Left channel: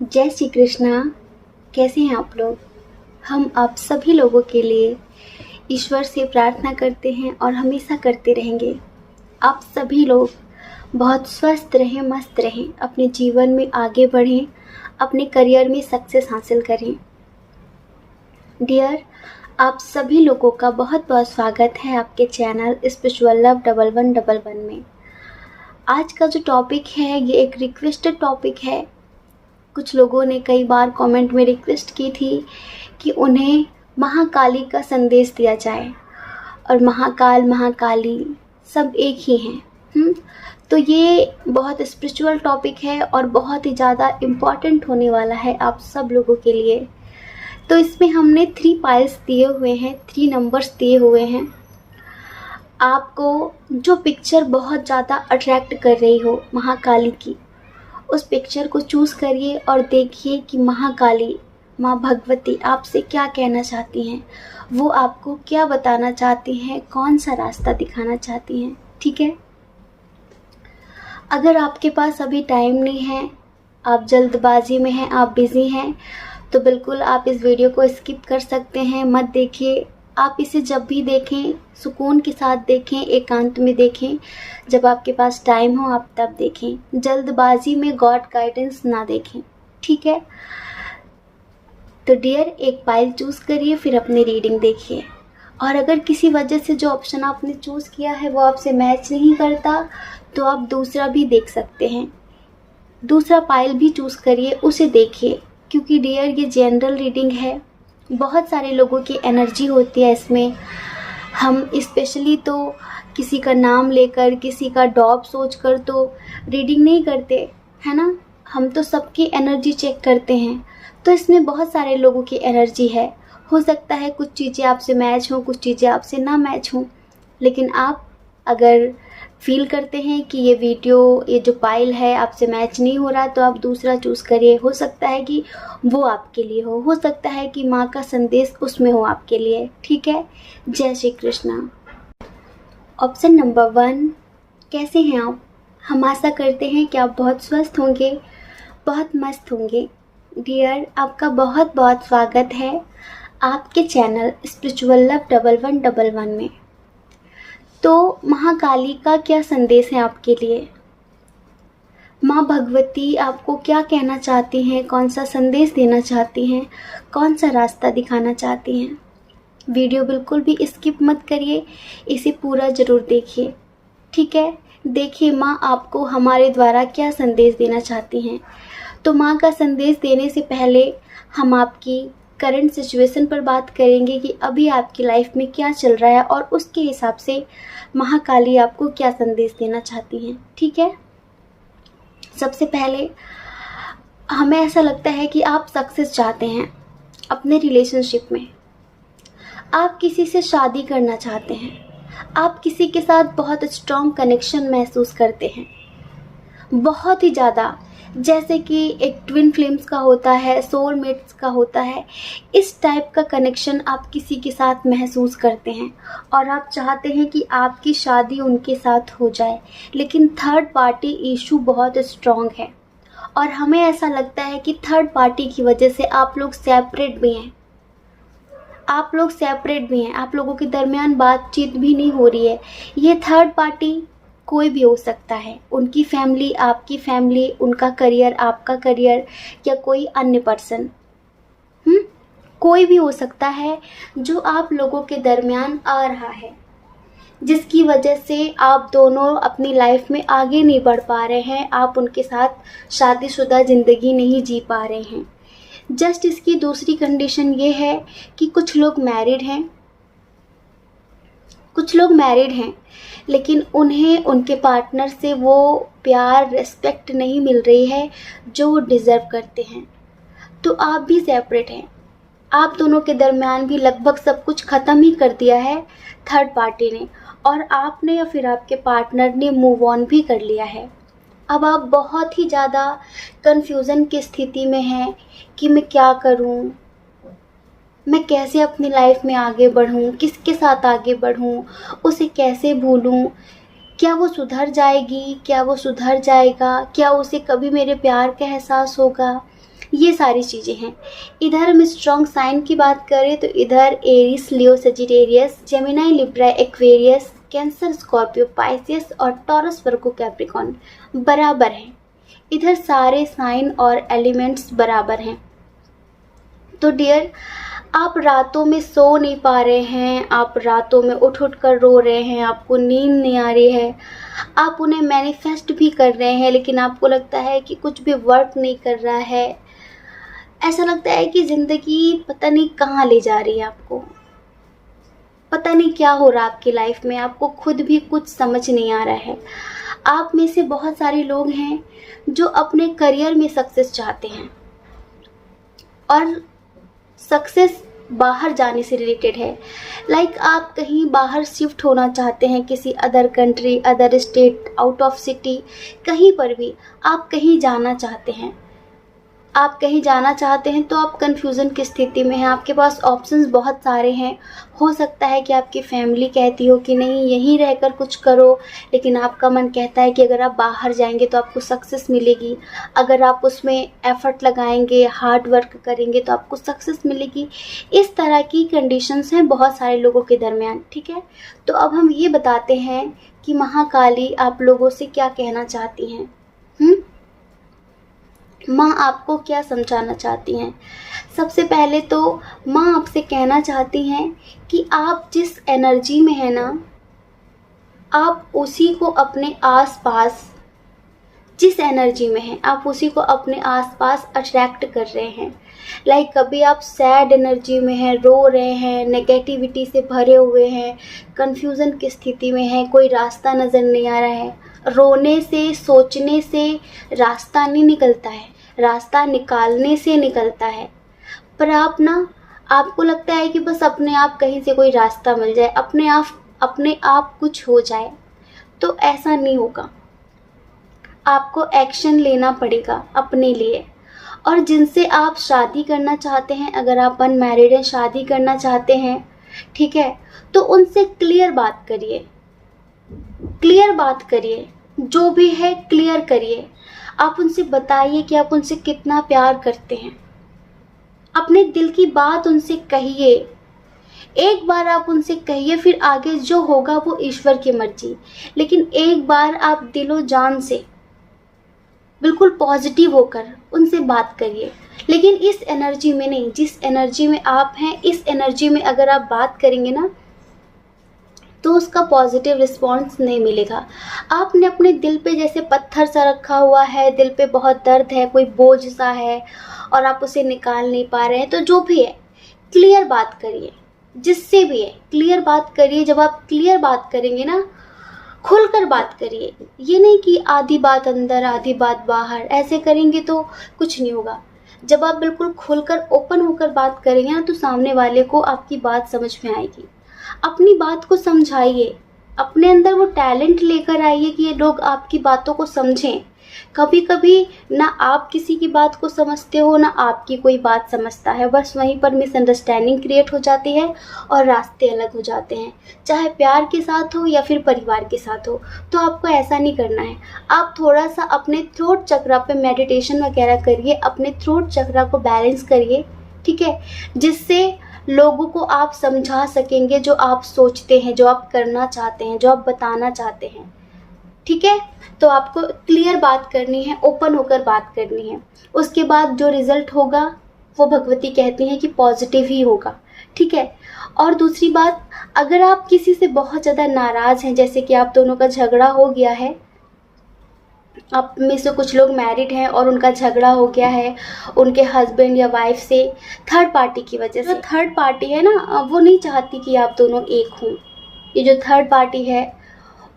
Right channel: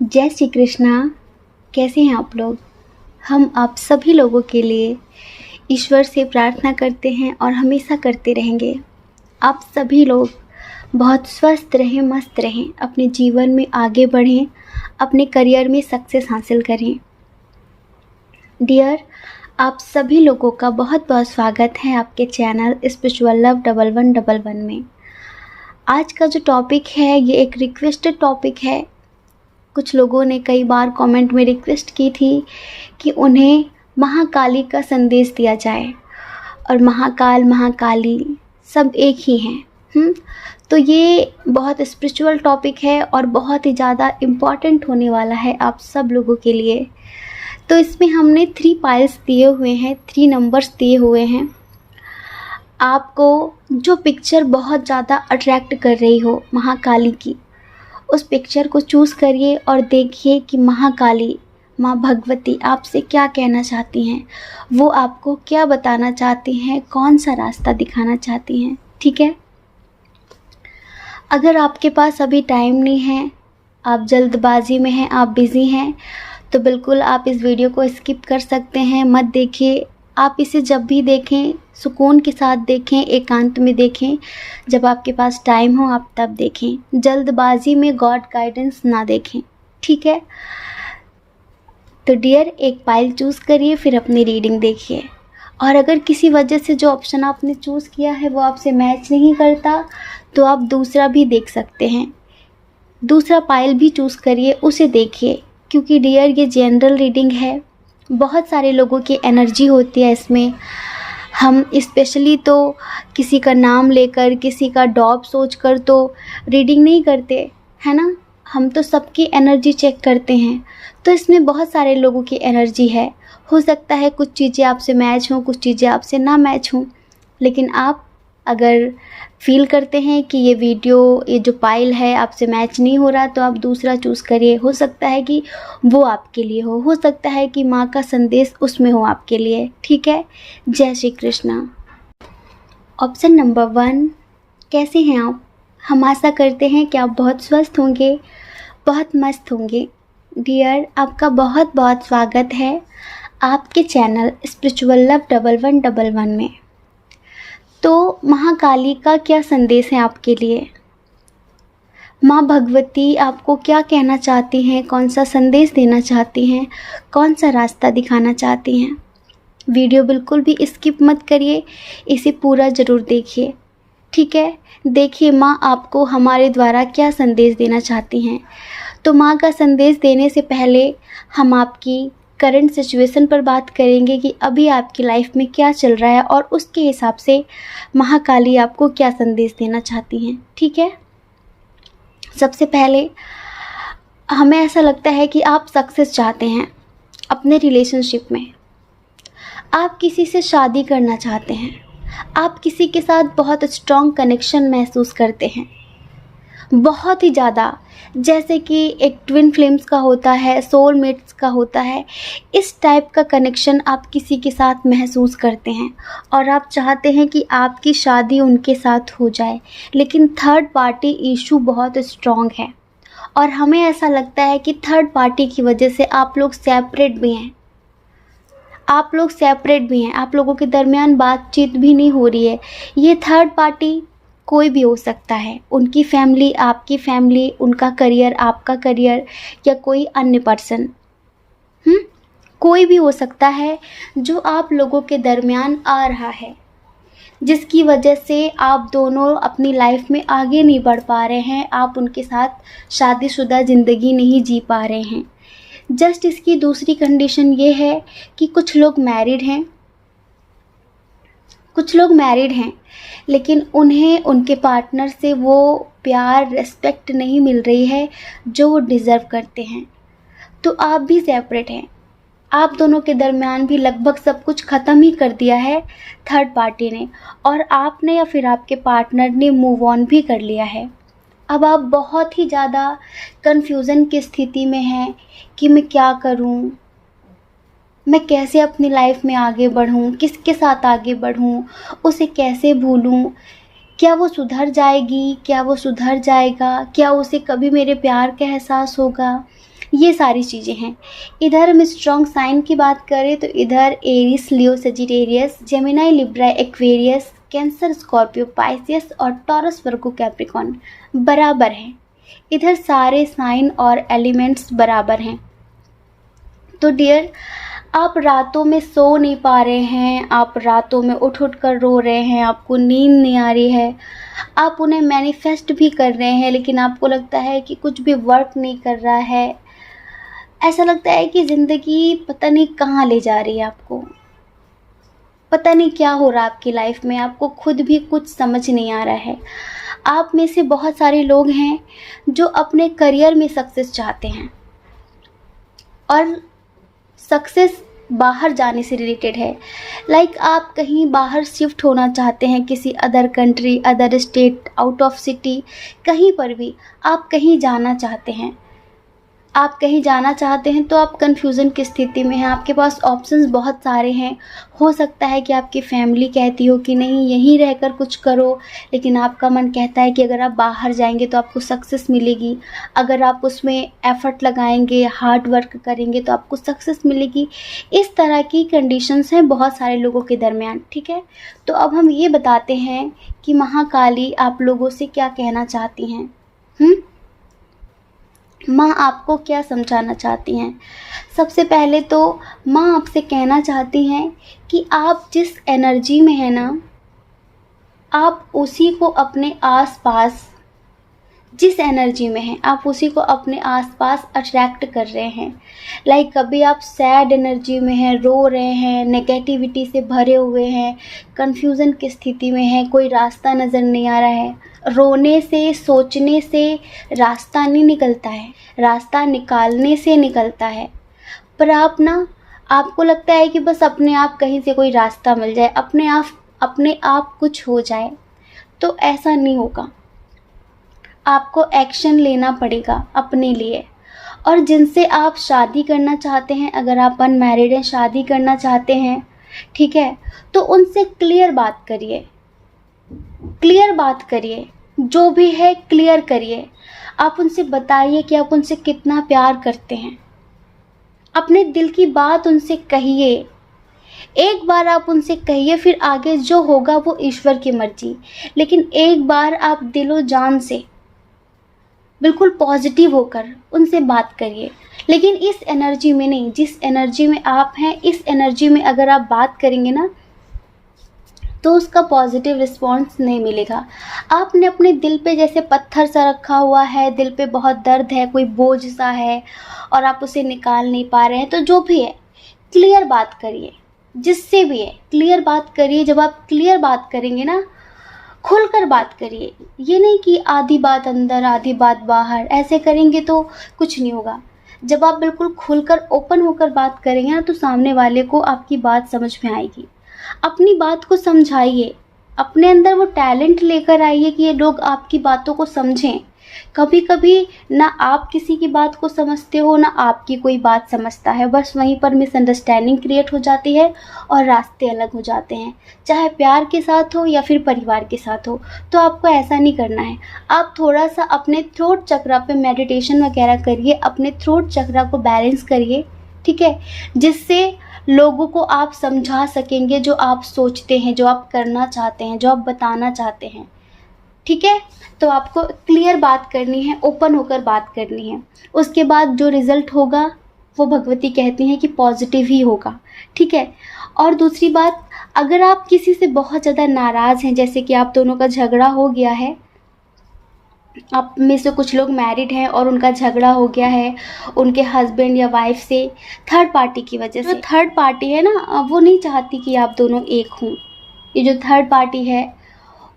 जय श्री कृष्णा। कैसे हैं आप लोग? हम आप सभी लोगों के लिए ईश्वर से प्रार्थना करते हैं और हमेशा करते रहेंगे। आप सभी लोग बहुत स्वस्थ रहें, मस्त रहें, अपने जीवन में आगे बढ़ें, अपने करियर में सक्सेस हासिल करें। डियर, आप सभी लोगों का बहुत बहुत स्वागत है आपके चैनल स्पिरिचुअल लव 1111 में। आज का जो टॉपिक है ये एक रिक्वेस्टेड टॉपिक है। कुछ लोगों ने कई बार कमेंट में रिक्वेस्ट की थी कि उन्हें महाकाली का संदेश दिया जाए, और महाकाल महाकाली सब एक ही हैं। तो ये बहुत स्पिरिचुअल टॉपिक है और बहुत ही ज़्यादा इम्पॉर्टेंट होने वाला है आप सब लोगों के लिए। तो इसमें हमने 3 पाइल्स दिए हुए हैं, 3 नंबर्स दिए हुए हैं। आपको जो पिक्चर बहुत ज़्यादा अट्रैक्ट कर रही हो महाकाली की, उस पिक्चर को चूज़ करिए और देखिए कि महाकाली माँ भगवती आपसे क्या कहना चाहती हैं, वो आपको क्या बताना चाहती हैं, कौन सा रास्ता दिखाना चाहती हैं। ठीक है? अगर आपके पास अभी टाइम नहीं है, आप जल्दबाजी में हैं, आप बिज़ी हैं, तो बिल्कुल आप इस वीडियो को स्किप कर सकते हैं, मत देखिए। आप इसे जब भी देखें सुकून के साथ देखें, एकांत में देखें, जब आपके पास टाइम हो आप तब देखें। जल्दबाजी में गॉड गाइडेंस ना देखें। ठीक है? तो डियर, एक पाइल चूज़ करिए, फिर अपनी रीडिंग देखिए। और अगर किसी वजह से जो ऑप्शन आपने चूज़ किया है वो आपसे मैच नहीं करता, तो आप दूसरा भी देख सकते हैं। दूसरा पाइल भी चूज़ करिए, उसे देखिए, क्योंकि डियर ये जनरल रीडिंग है। बहुत सारे लोगों की एनर्जी होती है इसमें। हम स्पेशली तो किसी का नाम लेकर, किसी का डॉब सोचकर तो रीडिंग नहीं करते, है ना? हम तो सबकी एनर्जी चेक करते हैं। तो इसमें बहुत सारे लोगों की एनर्जी है। हो सकता है कुछ चीज़ें आपसे मैच हों, कुछ चीज़ें आपसे ना मैच हों, लेकिन आप अगर फील करते हैं कि ये वीडियो, ये जो पाइल है आपसे मैच नहीं हो रहा, तो आप दूसरा चूज़ करिए। हो सकता है कि वो आपके लिए हो सकता है कि माँ का संदेश उसमें हो आपके लिए। ठीक है? जय श्री कृष्णा। ऑप्शन नंबर 1, कैसे हैं आप? हम आशा करते हैं कि आप बहुत स्वस्थ होंगे, बहुत मस्त होंगे। डियर, आपका बहुत बहुत स्वागत है आपके चैनल स्पिरिचुअल लव 1111 में। तो महाकाली का क्या संदेश है आपके लिए? माँ भगवती आपको क्या कहना चाहती हैं, कौन सा संदेश देना चाहती हैं, कौन सा रास्ता दिखाना चाहती हैं? वीडियो बिल्कुल भी स्किप मत करिए, इसे पूरा ज़रूर देखिए। ठीक है? देखिए माँ आपको हमारे द्वारा क्या संदेश देना चाहती हैं। तो माँ का संदेश देने से पहले हम आपकी करंट सिचुएशन पर बात करेंगे कि अभी आपकी लाइफ में क्या चल रहा है, और उसके हिसाब से महाकाली आपको क्या संदेश देना चाहती हैं। ठीक है? सबसे पहले हमें ऐसा लगता है कि आप सक्सेस चाहते हैं अपने रिलेशनशिप में। आप किसी से शादी करना चाहते हैं। आप किसी के साथ बहुत स्ट्रॉन्ग कनेक्शन महसूस करते हैं, बहुत ही ज़्यादा, जैसे कि एक ट्विन फ्लेम्स का होता है, सोलमेट्स का होता है। इस टाइप का कनेक्शन आप किसी के साथ महसूस करते हैं और आप चाहते हैं कि आपकी शादी उनके साथ हो जाए, लेकिन थर्ड पार्टी इशू बहुत स्ट्रॉन्ग है। और हमें ऐसा लगता है कि थर्ड पार्टी की वजह से आप लोग सेपरेट भी हैं। आप लोगों के दरमियान बातचीत भी नहीं हो रही है। ये थर्ड पार्टी कोई भी हो सकता है, उनकी फैमिली, आपकी फैमिली, उनका करियर, आपका करियर, या कोई अन्य पर्सन। कोई भी हो सकता है जो आप लोगों के दरमियान आ रहा है, जिसकी वजह से आप दोनों अपनी लाइफ में आगे नहीं बढ़ पा रहे हैं। आप उनके साथ शादीशुदा ज़िंदगी नहीं जी पा रहे हैं। जस्ट इसकी दूसरी कंडीशन ये है कि कुछ लोग मैरिड हैं, लेकिन उन्हें उनके पार्टनर से वो प्यार, रिस्पेक्ट नहीं मिल रही है जो वो डिज़र्व करते हैं। तो आप भी सेपरेट हैं। आप दोनों के दरमियान भी लगभग सब कुछ ख़त्म ही कर दिया है थर्ड पार्टी ने, और आपने या फिर आपके पार्टनर ने मूव ऑन भी कर लिया है। अब आप बहुत ही ज़्यादा कन्फ्यूज़न की स्थिति में हैं कि मैं क्या करूं, मैं कैसे अपनी लाइफ में आगे बढ़ूं, किसके साथ आगे बढ़ूं, उसे कैसे भूलूं, क्या वो सुधर जाएगी, क्या वो सुधर जाएगा, क्या उसे कभी मेरे प्यार का एहसास होगा, ये सारी चीज़ें हैं। इधर हम स्ट्रॉन्ग साइन की बात करें तो इधर Aries, Leo, Sagittarius, Gemini, Libra, Aquarius, Cancer, Scorpio, Pisces और टॉरस, वर्गो, कैप्रिकॉन बराबर हैं। इधर सारे साइन और एलिमेंट्स बराबर हैं। तो डियर, आप रातों में सो नहीं पा रहे हैं, आप रातों में उठ उठ कर रो रहे हैं, आपको नींद नहीं आ रही है, आप उन्हें मैनिफेस्ट भी कर रहे हैं लेकिन आपको लगता है कि कुछ भी वर्क नहीं कर रहा है। ऐसा लगता है कि ज़िंदगी पता नहीं कहाँ ले जा रही है आपको, पता नहीं क्या हो रहा है आपकी लाइफ में, आपको खुद भी कुछ समझ नहीं आ रहा है। आप में से बहुत सारे लोग हैं जो अपने करियर में सक्सेस चाहते हैं और सक्सेस बाहर जाने से रिलेटेड है। लाइक आप कहीं बाहर शिफ्ट होना चाहते हैं, किसी other country, other state, out of city, कहीं पर भी आप कहीं जाना चाहते हैं। आप कहीं जाना चाहते हैं तो आप कन्फ्यूज़न की स्थिति में हैं, आपके पास ऑप्शंस बहुत सारे हैं। हो सकता है कि आपकी फैमिली कहती हो कि नहीं यहीं रहकर कुछ करो, लेकिन आपका मन कहता है कि अगर आप बाहर जाएंगे तो आपको सक्सेस मिलेगी, अगर आप उसमें एफर्ट लगाएंगे, हार्ड वर्क करेंगे तो आपको सक्सेस मिलेगी। इस तरह की कंडीशंस हैं बहुत सारे लोगों के दरमियान, ठीक है। तो अब हम ये बताते हैं कि महाकाली आप लोगों से क्या कहना चाहती हैं। माँ आपको क्या समझाना चाहती हैं। सबसे पहले तो माँ आपसे कहना चाहती हैं कि आप जिस एनर्जी में है ना, आप उसी को अपने आसपास, जिस एनर्जी में हैं आप उसी को अपने आसपास अट्रैक्ट कर रहे हैं। लाइक कभी आप सैड एनर्जी में हैं, रो रहे हैं, नेगेटिविटी से भरे हुए हैं, कन्फ्यूज़न की स्थिति में हैं, कोई रास्ता नज़र नहीं आ रहा है। रोने से, सोचने से रास्ता नहीं निकलता है, रास्ता निकालने से निकलता है। पर आप ना, आपको लगता है कि बस अपने आप कहीं से कोई रास्ता मिल जाए, अपने आप कुछ हो जाए, तो ऐसा नहीं होगा। आपको एक्शन लेना पड़ेगा अपने लिए। और जिनसे आप शादी करना चाहते हैं, अगर आप अनमैरिड हैं, शादी करना चाहते हैं, ठीक है, तो उनसे क्लियर बात करिए, क्लियर बात करिए, जो भी है क्लियर करिए। आप उनसे बताइए कि आप उनसे कितना प्यार करते हैं, अपने दिल की बात उनसे कहिए। एक बार आप उनसे कहिए, फिर आगे जो होगा वो ईश्वर की मर्जी, लेकिन एक बार आप दिलो जान से बिल्कुल पॉजिटिव होकर उनसे बात करिए। लेकिन इस एनर्जी में नहीं, जिस एनर्जी में आप हैं इस एनर्जी में अगर आप बात करेंगे ना तो उसका पॉजिटिव रिस्पॉन्स नहीं मिलेगा। आपने अपने दिल पे जैसे पत्थर सा रखा हुआ है, दिल पे बहुत दर्द है, कोई बोझ सा है और आप उसे निकाल नहीं पा रहे हैं, तो जो भी है क्लियर बात करिए, जिससे भी है क्लियर बात करिए। जब आप क्लियर बात करेंगे ना, खुलकर बात करिए, ये नहीं कि आधी बात अंदर आधी बात बाहर, ऐसे करेंगे तो कुछ नहीं होगा। जब आप बिल्कुल खुलकर ओपन होकर बात करेंगे ना तो सामने वाले को आपकी बात समझ में आएगी। अपनी बात को समझाइए, अपने अंदर वो टैलेंट लेकर आइए कि ये लोग आपकी बातों को समझें। कभी कभी ना आप किसी की बात को समझते हो, ना आपकी कोई बात समझता है, बस वहीं पर मिसअंडरस्टैंडिंग क्रिएट हो जाती है और रास्ते अलग हो जाते हैं, चाहे प्यार के साथ हो या फिर परिवार के साथ हो। तो आपको ऐसा नहीं करना है। आप थोड़ा सा अपने थ्रोट चक्रा पे मेडिटेशन वगैरह करिए, अपने थ्रोट चक्रा को बैलेंस करिए, ठीक है, जिससे लोगों को आप समझा सकेंगे जो आप सोचते हैं, जो आप करना चाहते हैं, जो आप बताना चाहते हैं, ठीक है। तो आपको क्लियर बात करनी है, ओपन होकर बात करनी है। उसके बाद जो रिजल्ट होगा वो भगवती कहती हैं कि पॉजिटिव ही होगा, ठीक है। और दूसरी बात, अगर आप किसी से बहुत ज़्यादा नाराज़ हैं, जैसे कि आप दोनों का झगड़ा हो गया है, आप में से कुछ लोग मैरिड हैं और उनका झगड़ा हो गया है उनके हस्बैंड या वाइफ से थर्ड पार्टी की वजह से। थर्ड पार्टी है ना, वो नहीं चाहती कि आप दोनों एक हों। ये जो थर्ड पार्टी है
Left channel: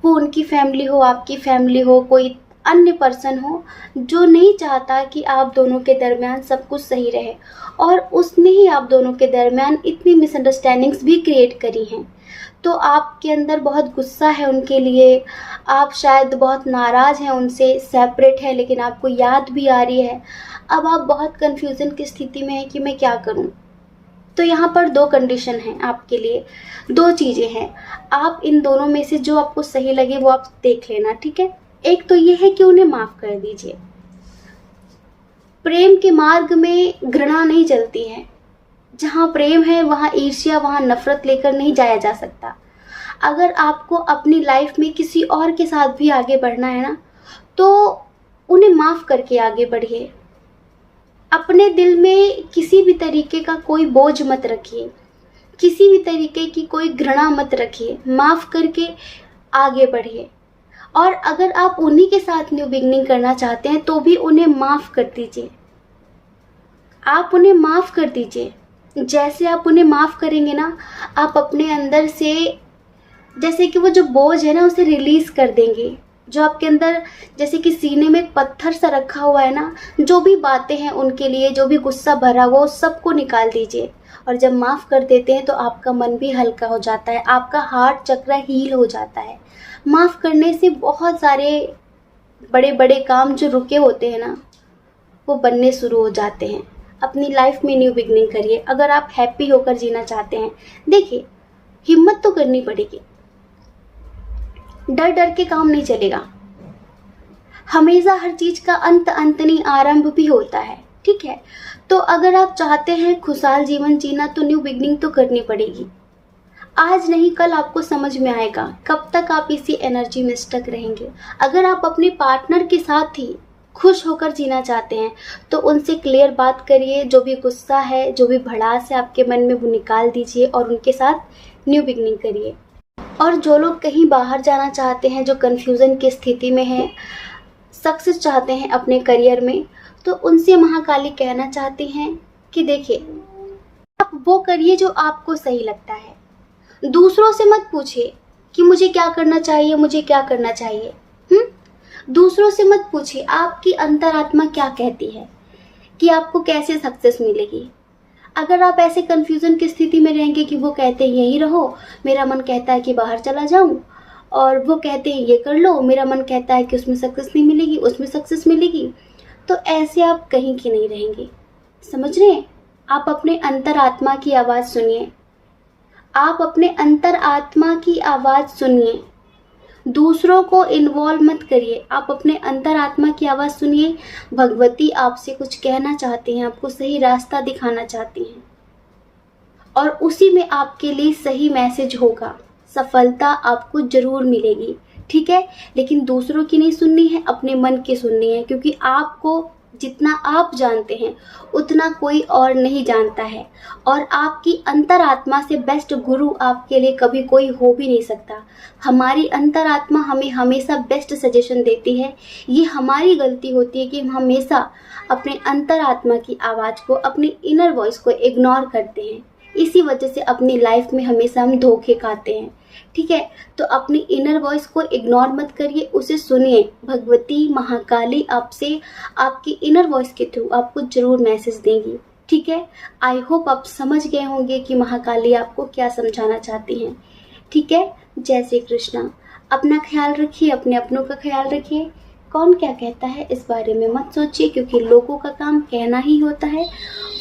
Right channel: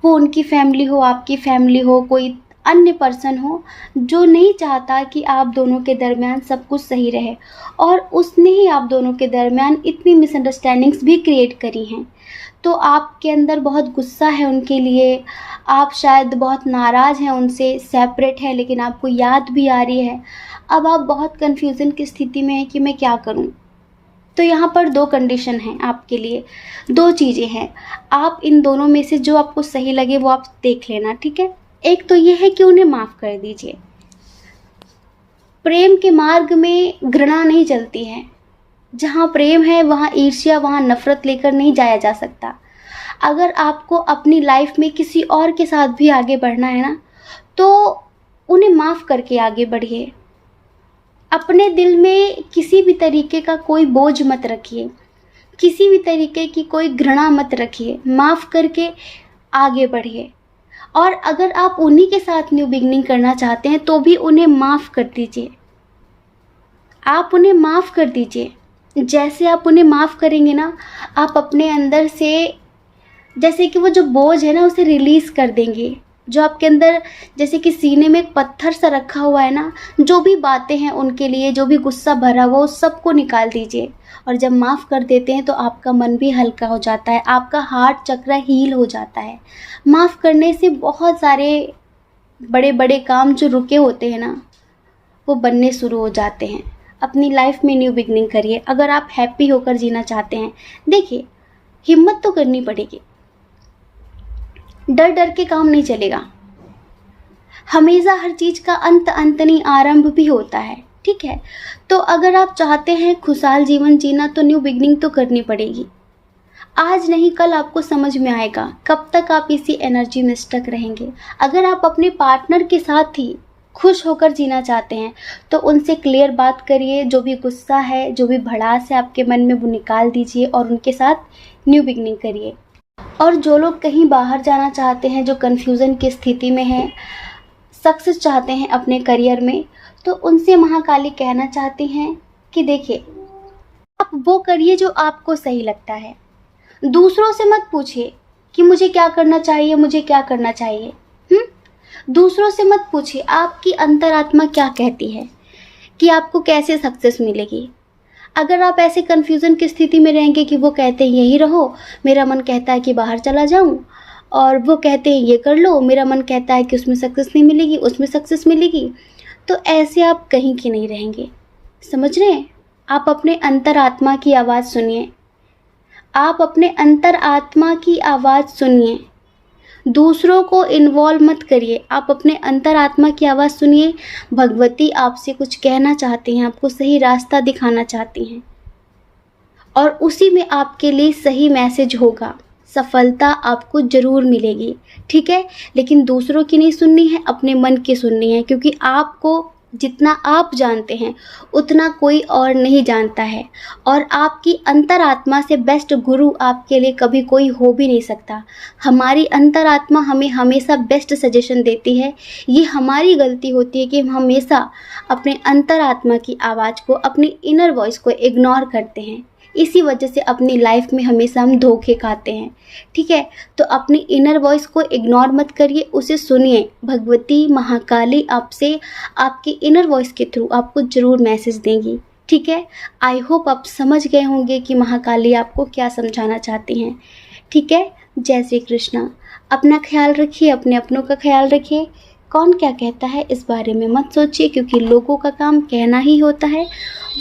वो उनकी फैमिली हो, आपकी फैमिली हो, कोई अन्य पर्सन हो जो नहीं चाहता कि आप दोनों के दरमियान सब कुछ सही रहे, और उसने ही आप दोनों के दरमियान इतनी मिसअंडरस्टैंडिंग्स भी क्रिएट करी हैं। तो आपके अंदर बहुत गुस्सा है उनके लिए, आप शायद बहुत नाराज़ हैं उनसे, सेपरेट है, लेकिन आपको याद भी आ रही है। अब आप बहुत कन्फ्यूज़न की स्थिति में हैं कि मैं क्या करूं। तो यहाँ पर दो कंडीशन हैं आपके लिए, दो चीज़ें हैं। आप इन दोनों में से जो आपको सही लगे वो आप देख लेना, ठीक है। एक तो ये है कि उन्हें माफ़ कर दीजिए, प्रेम के मार्ग में घृणा नहीं चलती है। जहाँ प्रेम है वहाँ ईर्ष्या, वहाँ नफरत लेकर नहीं जाया जा सकता। अगर आपको अपनी लाइफ में किसी और के साथ भी आगे बढ़ना है ना, तो उन्हें माफ़ करके आगे बढ़िए। अपने दिल में किसी भी तरीके का कोई बोझ मत रखिए, किसी भी तरीके की कोई घृणा मत रखिए, माफ़ करके आगे बढ़िए। और अगर आप उन्हीं के साथ न्यू बिगनिंग करना चाहते हैं तो भी उन्हें माफ़ कर दीजिए। आप उन्हें माफ़ कर दीजिए। जैसे आप उन्हें माफ़ करेंगे ना, आप अपने अंदर से जैसे कि वो जो बोझ है ना उसे रिलीज़ कर देंगे। जो आपके अंदर जैसे कि सीने में एक पत्थर सा रखा हुआ है ना, जो भी बातें हैं उनके लिए, जो भी गुस्सा भरा हुआ उस सबको निकाल दीजिए। और जब माफ़ कर देते हैं तो आपका मन भी हल्का हो जाता है, आपका हार्ट चक्र हील हो जाता है। माफ़ करने से बहुत सारे बड़े बड़े काम जो रुके होते हैं ना, वो बनने शुरू हो जाते हैं। अपनी लाइफ में न्यू बिगनिंग करिए। अगर आप हैप्पी होकर जीना चाहते हैं, देखिए हिम्मत तो करनी पड़ेगी। डर डर के काम नहीं चलेगा। हमेशा हर चीज़ का अंत नहीं, आरंभ भी होता है। ठीक है, तो अगर आप चाहते हैं खुशहाल जीवन जीना तो न्यू बिगनिंग तो करनी पड़ेगी। आज नहीं कल आपको समझ में आएगा। कब तक आप इसी एनर्जी में स्टक रहेंगे? अगर आप अपने पार्टनर के साथ ही खुश होकर जीना चाहते हैं तो उनसे क्लियर बात करिए। जो भी गुस्सा है, जो भी भड़ास है आपके मन में, वो निकाल दीजिए और उनके साथ न्यू बिगनिंग करिए। और जो लोग कहीं बाहर जाना चाहते हैं, जो कन्फ्यूज़न की स्थिति में हैं, सक्सेस चाहते हैं अपने करियर में, तो उनसे महाकाली कहना चाहती हैं कि देखिए, आप वो करिए जो आपको सही लगता है। दूसरों से मत पूछिए कि मुझे क्या करना चाहिए, मुझे क्या करना चाहिए। दूसरों से मत पूछिए, आपकी अंतरात्मा क्या कहती है कि आपको कैसे सक्सेस मिलेगी। अगर आप ऐसे कन्फ्यूज़न की स्थिति में रहेंगे कि वो कहते हैं यहीं रहो, मेरा मन कहता है कि बाहर चला जाऊं, और वो कहते हैं ये कर लो, मेरा मन कहता है कि उसमें सक्सेस नहीं मिलेगी, उसमें सक्सेस मिलेगी, तो ऐसे आप कहीं की नहीं रहेंगे। समझ रहे हैं? आप अपने अंतरात्मा की आवाज़ सुनिए। आप अपने अंतरात्मा की आवाज़ सुनिए। दूसरों को इन्वॉल्व मत करिए। आप अपने अंतरात्मा की आवाज़ सुनिए। भगवती आपसे कुछ कहना चाहती हैं, आपको सही रास्ता दिखाना चाहती हैं, और उसी में आपके लिए सही मैसेज होगा। सफलता आपको ज़रूर मिलेगी। ठीक है, लेकिन दूसरों की नहीं सुननी है, अपने मन की सुननी है, क्योंकि आपको जितना आप जानते हैं उतना कोई और नहीं जानता है। और आपकी अंतरात्मा से बेस्ट गुरु आपके लिए कभी कोई हो भी नहीं सकता। हमारी अंतरात्मा हमें हमेशा बेस्ट सजेशन देती है। ये हमारी गलती होती है कि हम हमेशा अपने अंतरात्मा की आवाज़ को, अपनी इनर वॉइस को इग्नोर करते हैं। इसी वजह से अपनी लाइफ में हमेशा हम धोखे खाते हैं। ठीक है, तो अपनी इनर वॉइस को इग्नोर मत करिए, उसे सुनिए। भगवती महाकाली आपसे, आपकी इनर वॉइस के थ्रू आपको ज़रूर मैसेज देंगी। ठीक है, आई होप आप समझ गए होंगे कि महाकाली आपको क्या समझाना चाहती हैं। ठीक है, जय श्री कृष्णा। अपना ख्याल रखिए, अपने अपनों का ख्याल रखिए। कौन क्या कहता है इस बारे में मत सोचिए, क्योंकि लोगों का काम कहना ही होता है।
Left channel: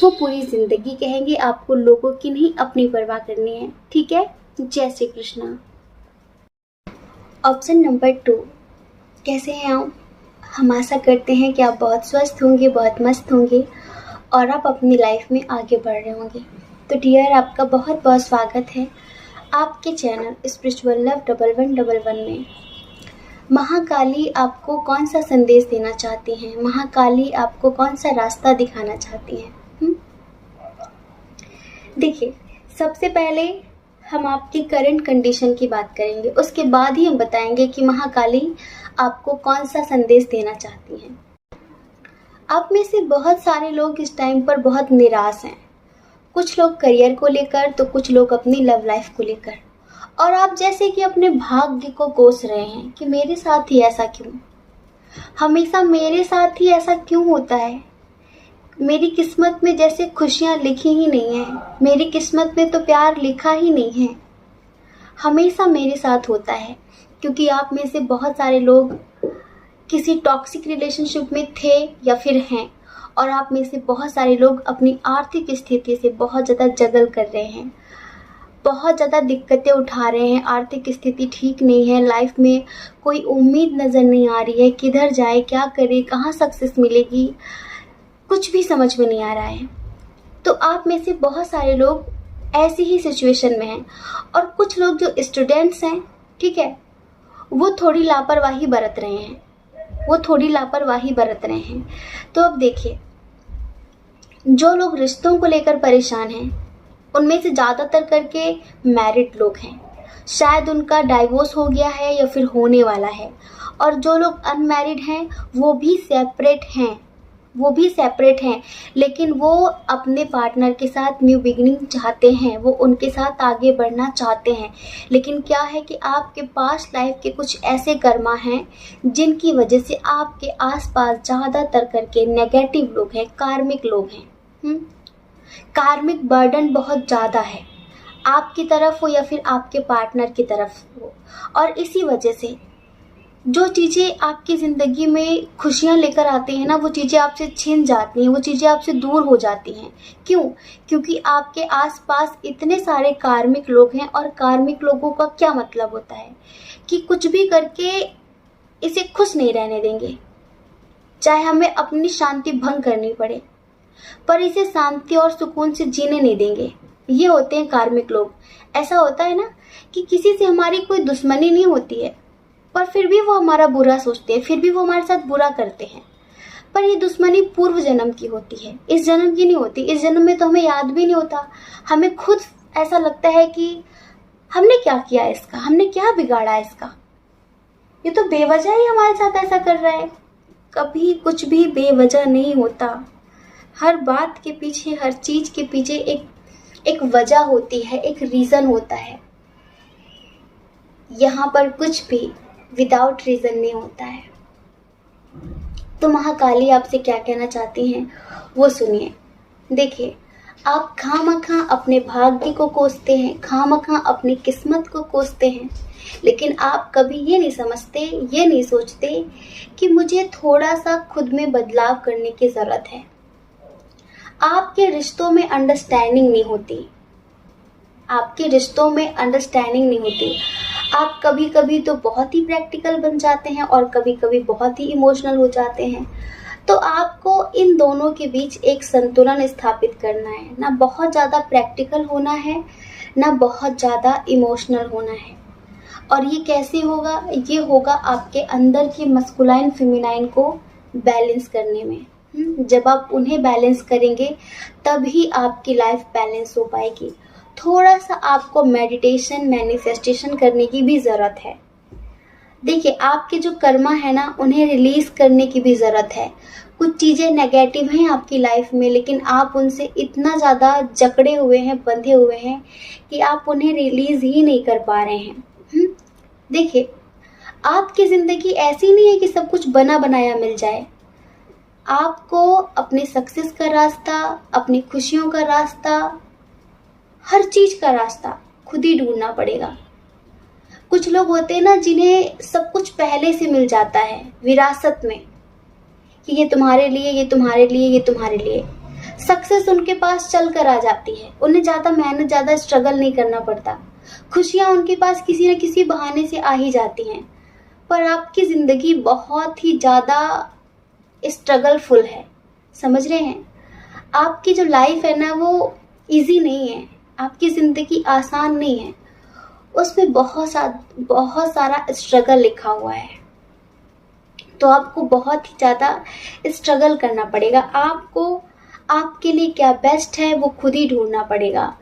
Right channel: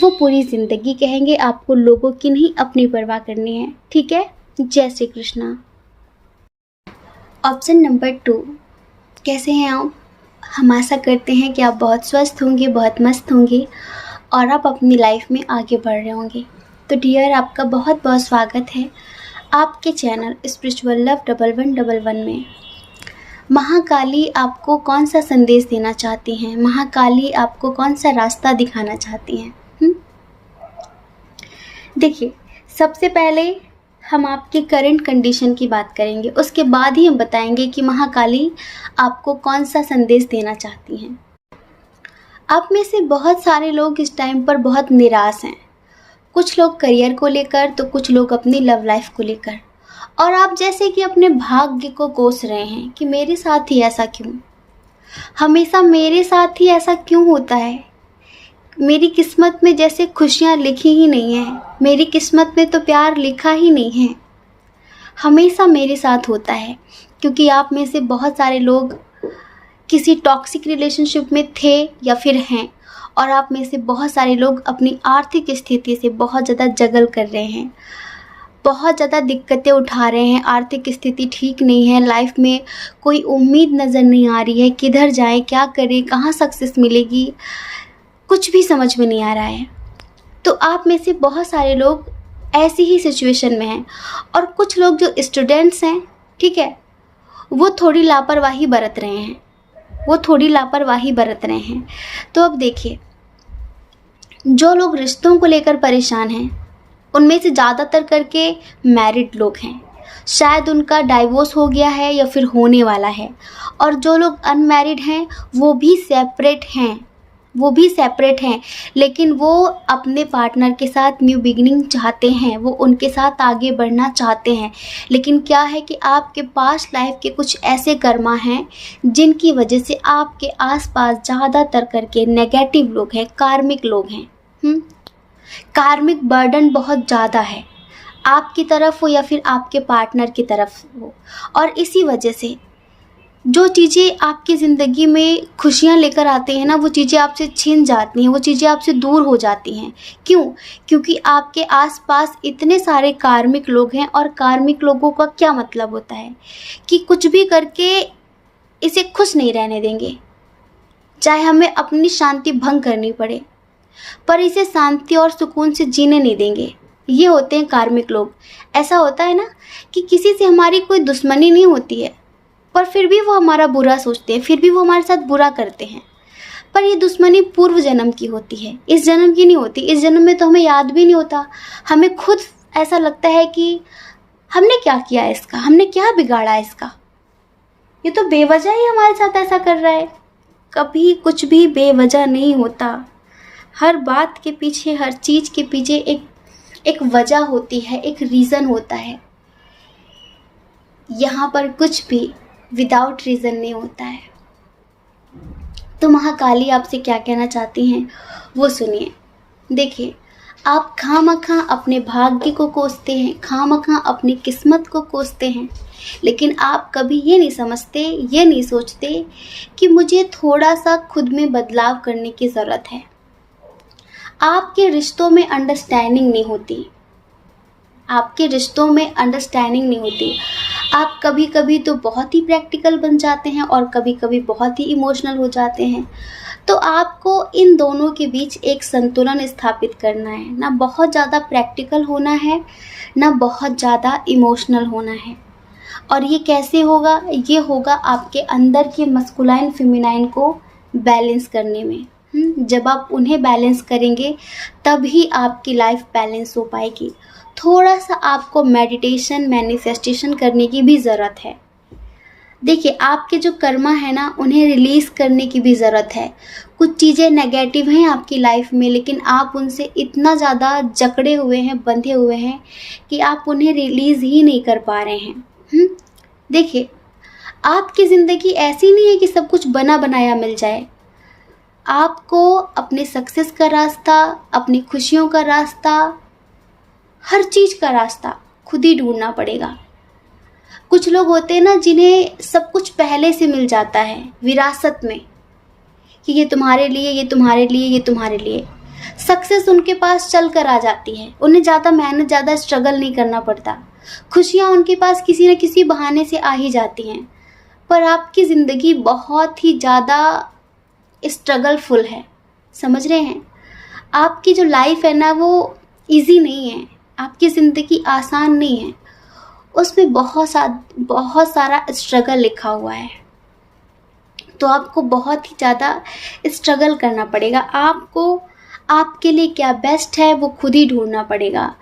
वो पूरी ज़िंदगी कहेंगे, आपको लोगों की नहीं अपनी परवाह करनी है। ठीक है, जय श्री कृष्णा। ऑप्शन नंबर 2, कैसे हैं आप? हम आशा करते हैं कि आप बहुत स्वस्थ होंगे, बहुत मस्त होंगे और आप अपनी लाइफ में आगे बढ़ रहे होंगे। तो डियर, आपका बहुत बहुत स्वागत है आपके चैनल स्पिरिचुअल लव 1111 में। महाकाली आपको कौन सा संदेश देना चाहती हैं? महाकाली आपको कौन सा रास्ता दिखाना चाहती हैं? देखिए, सबसे पहले हम आपकी करंट कंडीशन की बात करेंगे, उसके बाद ही हम बताएंगे कि महाकाली आपको कौन सा संदेश देना चाहती हैं। आप में से बहुत सारे लोग इस टाइम पर बहुत निराश हैं। कुछ लोग करियर को लेकर, तो कुछ लोग अपनी लव लाइफ को लेकर। और आप जैसे कि अपने भाग्य को कोस रहे हैं कि मेरे साथ ही ऐसा क्यों, हमेशा मेरे साथ ही ऐसा क्यों होता है। मेरी किस्मत में जैसे खुशियाँ लिखी ही नहीं है, मेरी किस्मत में तो प्यार लिखा ही नहीं है, हमेशा मेरे साथ होता है। क्योंकि आप में से बहुत सारे लोग किसी टॉक्सिक रिलेशनशिप में थे या फिर हैं, और आप में से बहुत सारे लोग अपनी आर्थिक स्थिति से बहुत ज़्यादा जगल कर रहे हैं, बहुत ज़्यादा दिक्कतें उठा रहे हैं। आर्थिक स्थिति ठीक नहीं है, लाइफ में कोई उम्मीद नज़र नहीं आ रही है, किधर जाएं, क्या करें, कहाँ सक्सेस मिलेगी। कुछ भी समझ में नहीं आ रहा है। तो आप में से बहुत सारे लोग ऐसी ही सिचुएशन में हैं, और कुछ लोग जो स्टूडेंट्स हैं, ठीक है, वो थोड़ी लापरवाही बरत रहे हैं, तो अब देखिए, जो लोग रिश्तों को लेकर परेशान हैं उनमें से ज़्यादातर करके मैरिड लोग हैं। शायद उनका डाइवोर्स हो गया है या फिर होने वाला है। और जो लोग अनमैरिड हैं वो भी सेपरेट हैं, लेकिन वो अपने पार्टनर के साथ न्यू बिगिनिंग चाहते हैं, वो उनके साथ आगे बढ़ना चाहते हैं। लेकिन क्या है कि आपके पास्ट लाइफ के कुछ ऐसे कर्मा हैं जिनकी वजह से आपके आसपास ज़्यादातर करके नेगेटिव लोग हैं, कार्मिक लोग हैं। कार्मिक बर्डन बहुत ज़्यादा है, आपकी तरफ हो या फिर आपके पार्टनर की तरफ हो। और इसी वजह से जो चीज़ें आपकी ज़िंदगी में खुशियाँ लेकर आती हैं ना, वो चीज़ें आपसे छिन जाती हैं, वो चीज़ें आपसे दूर हो जाती हैं। क्यों? क्योंकि आपके आसपास इतने सारे कार्मिक लोग हैं। और कार्मिक लोगों का क्या मतलब होता है कि कुछ भी करके इसे खुश नहीं रहने देंगे, चाहे हमें अपनी शांति भंग करनी पड़े, पर इसे शांति और सुकून से जीने नहीं देंगे। ये होते हैं कार्मिक लोग। ऐसा होता है ना कि किसी से हमारी कोई दुश्मनी नहीं होती है, पर फिर भी वो हमारा बुरा सोचते हैं, फिर भी वो हमारे साथ बुरा करते हैं। पर ये दुश्मनी पूर्व जन्म की होती है, इस जन्म की नहीं होती। इस जन्म में तो हमें याद भी नहीं होता। हमें खुद ऐसा लगता है कि हमने क्या किया है इसका, हमने क्या बिगाड़ा है इसका, ये तो बेवजह ही हमारे साथ ऐसा कर रहा है। कभी कुछ भी बेवजह नहीं होता। हर बात के पीछे, हर चीज़ के पीछे एक वजह होती है, एक रीज़न होता है। यहाँ पर कुछ भी विदाउट रीज़न नहीं होता है। तो महाकाली आपसे क्या कहना चाहती हैं वो सुनिए। देखिए, आप खामखा अपने भाग्य को कोसते हैं, खामखा अपनी किस्मत को कोसते हैं, लेकिन आप कभी ये नहीं समझते, ये नहीं सोचते कि मुझे थोड़ा सा खुद में बदलाव करने की ज़रूरत है। आपके रिश्तों में अंडरस्टैंडिंग नहीं होती, आप कभी कभी तो बहुत ही प्रैक्टिकल बन जाते हैं और कभी कभी बहुत ही इमोशनल हो जाते हैं। तो आपको इन दोनों के बीच एक संतुलन स्थापित करना है, ना बहुत ज़्यादा प्रैक्टिकल होना है, ना बहुत ज़्यादा इमोशनल होना है। और ये कैसे होगा? ये होगा आपके अंदर के मस्कुलाइन फेमिनाइन को बैलेंस करने में। जब आप उन्हें बैलेंस करेंगे तभी आपकी लाइफ बैलेंस हो पाएगी। थोड़ा सा आपको मेडिटेशन, मैनिफेस्टेशन करने की भी ज़रूरत है। देखिए, आपके जो कर्मा है ना, उन्हें रिलीज़ करने की भी ज़रूरत है। कुछ चीज़ें नेगेटिव हैं आपकी लाइफ में, लेकिन आप उनसे इतना ज़्यादा जकड़े हुए हैं, बंधे हुए हैं कि आप उन्हें रिलीज़ ही नहीं कर पा रहे हैं। देखिए, आपकी ज़िंदगी ऐसी नहीं है कि सब कुछ बना बनाया मिल जाए। आपको अपने सक्सेस का रास्ता, अपनी खुशियों का रास्ता, हर चीज़ का रास्ता खुद ही ढूंढना पड़ेगा। कुछ लोग होते हैं ना जिन्हें सब कुछ पहले से मिल जाता है विरासत में, कि ये तुम्हारे लिए, ये तुम्हारे लिए, ये तुम्हारे लिए। सक्सेस उनके पास चल कर आ जाती है, उन्हें ज़्यादा मेहनत, ज़्यादा स्ट्रगल नहीं करना पड़ता। खुशियाँ उनके पास किसी न किसी बहाने से आ ही जाती हैं। पर आपकी ज़िंदगी बहुत ही ज़्यादा स्ट्रगलफुल है, समझ रहे हैं? आपकी जो लाइफ है ना, वो इजी नहीं है, आपकी ज़िंदगी आसान नहीं है, उसमें बहुत सारा स्ट्रगल लिखा हुआ है। तो आपको बहुत ही ज़्यादा स्ट्रगल करना पड़ेगा। आपको आपके लिए क्या बेस्ट है वो खुद ही ढूंढना पड़ेगा।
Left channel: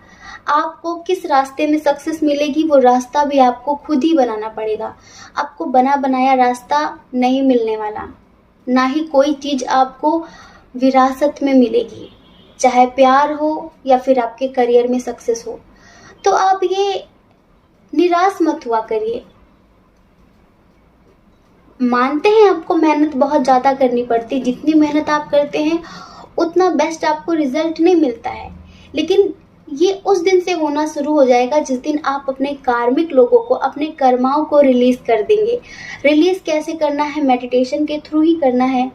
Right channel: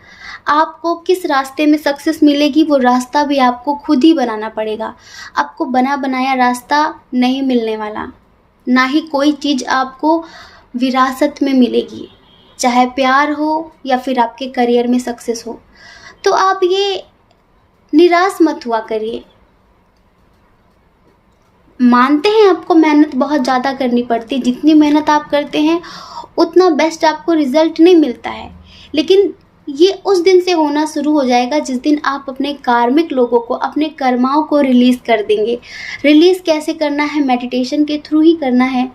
आपको किस रास्ते में सक्सेस मिलेगी वो रास्ता भी आपको खुद ही बनाना पड़ेगा। आपको बना बनाया रास्ता नहीं मिलने वाला, ना ही कोई चीज़ आपको विरासत में मिलेगी, चाहे प्यार हो या फिर आपके करियर में सक्सेस हो। तो आप ये निराश मत हुआ करिए। मानते हैं आपको मेहनत बहुत ज़्यादा करनी पड़ती, जितनी मेहनत आप करते हैं उतना बेस्ट आपको रिजल्ट नहीं मिलता है, लेकिन ये उस दिन से होना शुरू हो जाएगा जिस दिन आप अपने कार्मिक लोगों को, अपने कर्माओं को रिलीज़ कर देंगे। रिलीज़ कैसे करना है? मेडिटेशन के थ्रू ही करना है।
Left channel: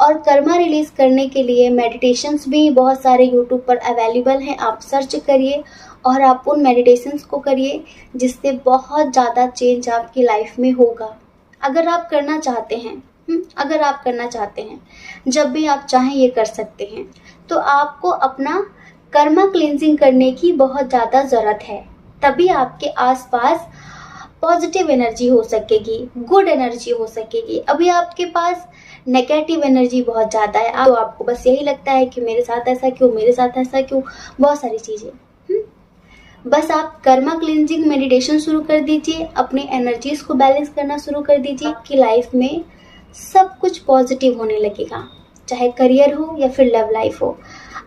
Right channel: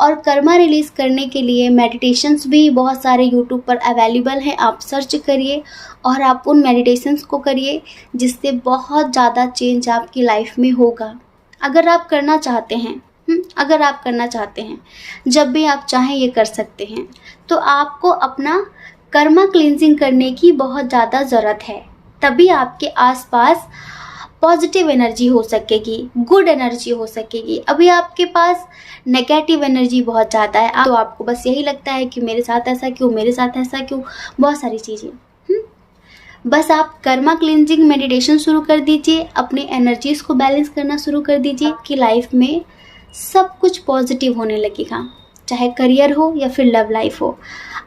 और कर्मा रिलीज़ करने के लिए मेडिटेशंस भी बहुत सारे यूट्यूब पर अवेलेबल हैं, आप सर्च करिए और आप उन मेडिटेशंस को करिए, जिससे बहुत ज़्यादा चेंज आपकी लाइफ में होगा। अगर आप करना चाहते हैं अगर आप करना चाहते हैं, जब भी आप चाहें ये कर सकते हैं। तो आपको अपना कर्मा क्लींजिंग करने की बहुत ज़्यादा ज़रूरत है, तभी आपके आसपास पॉजिटिव एनर्जी हो सकेगी, गुड एनर्जी हो सकेगी। अभी आपके पास नेगेटिव एनर्जी बहुत ज़्यादा है, तो आपको बस यही लगता है कि मेरे साथ ऐसा क्यों, मेरे साथ ऐसा क्यों, बहुत सारी चीज़ें। बस आप कर्मा क्लींजिंग मेडिटेशन शुरू कर दीजिए, अपनी एनर्जीज को बैलेंस करना शुरू कर दीजिए। आपकी लाइफ में सब कुछ पॉजिटिव होने लगेगा, चाहे करियर हो या फिर लव लाइफ हो।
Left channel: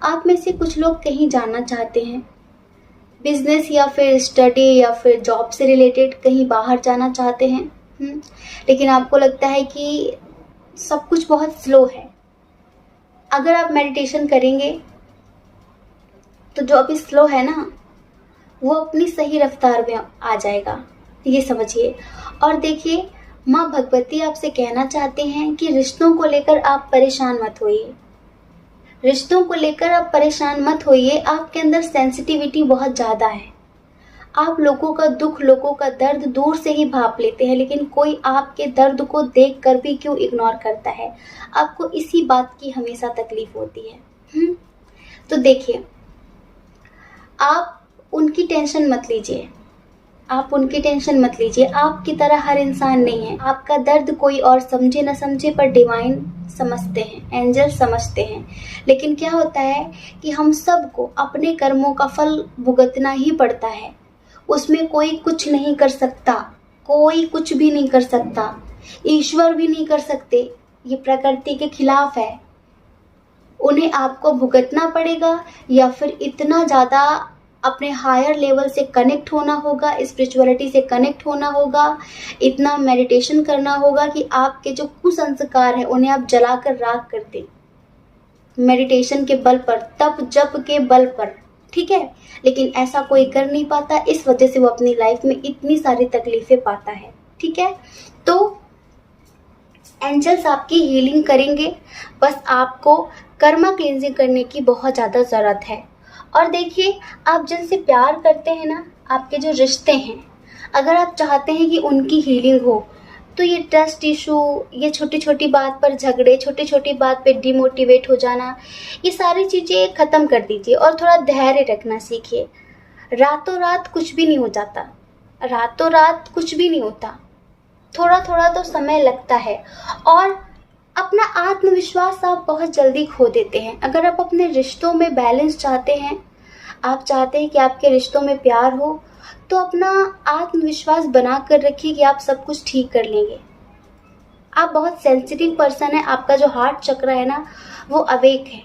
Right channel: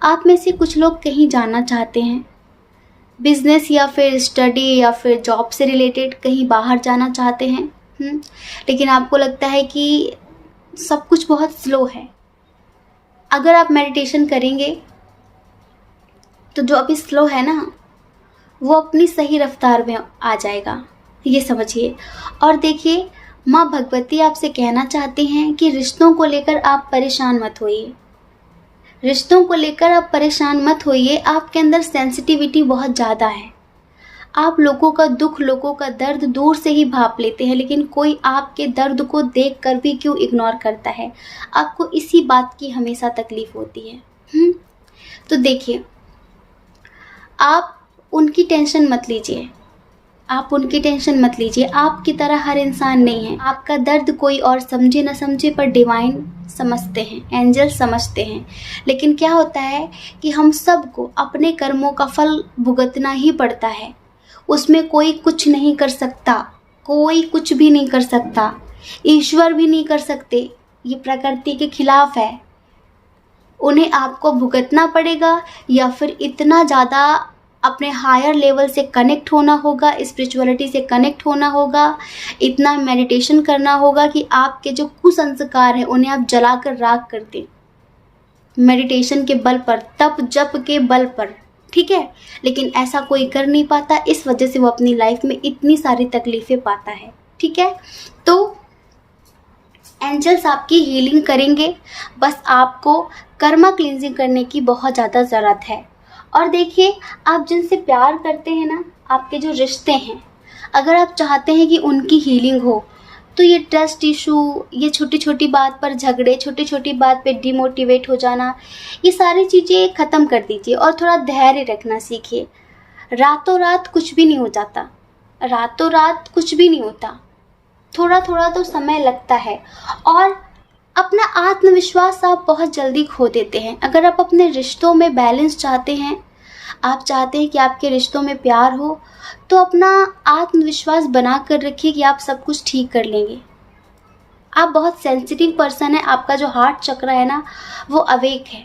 आप में से कुछ लोग कहीं जाना चाहते हैं, बिजनेस या फिर स्टडी या फिर जॉब से रिलेटेड कहीं बाहर जाना चाहते हैं, लेकिन आपको लगता है कि सब कुछ बहुत स्लो है। अगर आप मेडिटेशन करेंगे तो जो अभी स्लो है ना, वो अपनी सही रफ्तार में आ जाएगा, ये समझिए। और देखिए, माँ भगवती आपसे कहना चाहते हैं कि रिश्तों को लेकर आप परेशान मत होइए, रिश्तों को लेकर आप परेशान मत होइए। आपके अंदर सेंसिटिविटी बहुत ज़्यादा है, आप लोगों का दुख, लोगों का दर्द दूर से ही भाप लेते हैं, लेकिन कोई आपके दर्द को देख कर भी क्यों इग्नोर करता है, आपको इसी बात की हमेशा तकलीफ होती है। तो देखिए, आप उनकी टेंशन मत लीजिए, आप उनकी टेंशन मत लीजिए। आपकी तरह हर इंसान नहीं है। आपका दर्द कोई और समझे ना समझे, पर डिवाइन समझते हैं, एंजल समझते हैं। लेकिन क्या होता है कि हम सबको अपने कर्मों का फल भुगतना ही पड़ता है, उसमें कोई कुछ नहीं कर सकता, कोई कुछ भी नहीं कर सकता, ईश्वर भी नहीं कर सकते, ये प्रकृति के खिलाफ है। उन्हें आपको भुगतना पड़ेगा, या फिर इतना ज़्यादा अपने हायर लेवल से कनेक्ट होना होगा, स्पिरिचुअलिटी से कनेक्ट होना होगा, इतना मेडिटेशन करना होगा कि आपके जो कुसंस्कार हैं उन्हें आप जलाकर राख कर दें, मेडिटेशन के बल पर, तप जप के बल पर, ठीक है। लेकिन ऐसा कोई कर नहीं पाता, इस वजह से वो अपनी लाइफ में इतनी सारी तकलीफें पाता है, ठीक है। तो एंजल्स आपकी हीलिंग करेंगे, बस आपको कर्मा क्लींजिंग करने की बहुत ज़्यादा ज़रूरत है। और देखिए, आप जिनसे प्यार करते हैं ना, आपके जो रिश्ते हैं, अगर आप चाहते हैं कि उनकी हीलिंग हो, तो ये ट्रस्ट इशू, ये छोटी छोटी बात पर झगड़े, छोटी छोटी बात पे डिमोटिवेट हो जाना, ये सारी चीज़ें ख़त्म कर दीजिए और थोड़ा धैर्य रखना सीखिए। रातों रात कुछ भी नहीं हो जाता, रातों रात कुछ भी नहीं होता, थोड़ा थोड़ा तो समय लगता है। और अपना आत्मविश्वास आप बहुत जल्दी खो देते हैं। अगर आप अपने रिश्तों में बैलेंस चाहते हैं, आप चाहते हैं कि आपके रिश्तों में प्यार हो, तो अपना आत्मविश्वास बना कर रखिए कि आप सब कुछ ठीक कर लेंगे। आप बहुत सेंसिटिव पर्सन है, आपका जो हार्ट चक्र है ना, वो अवेक है,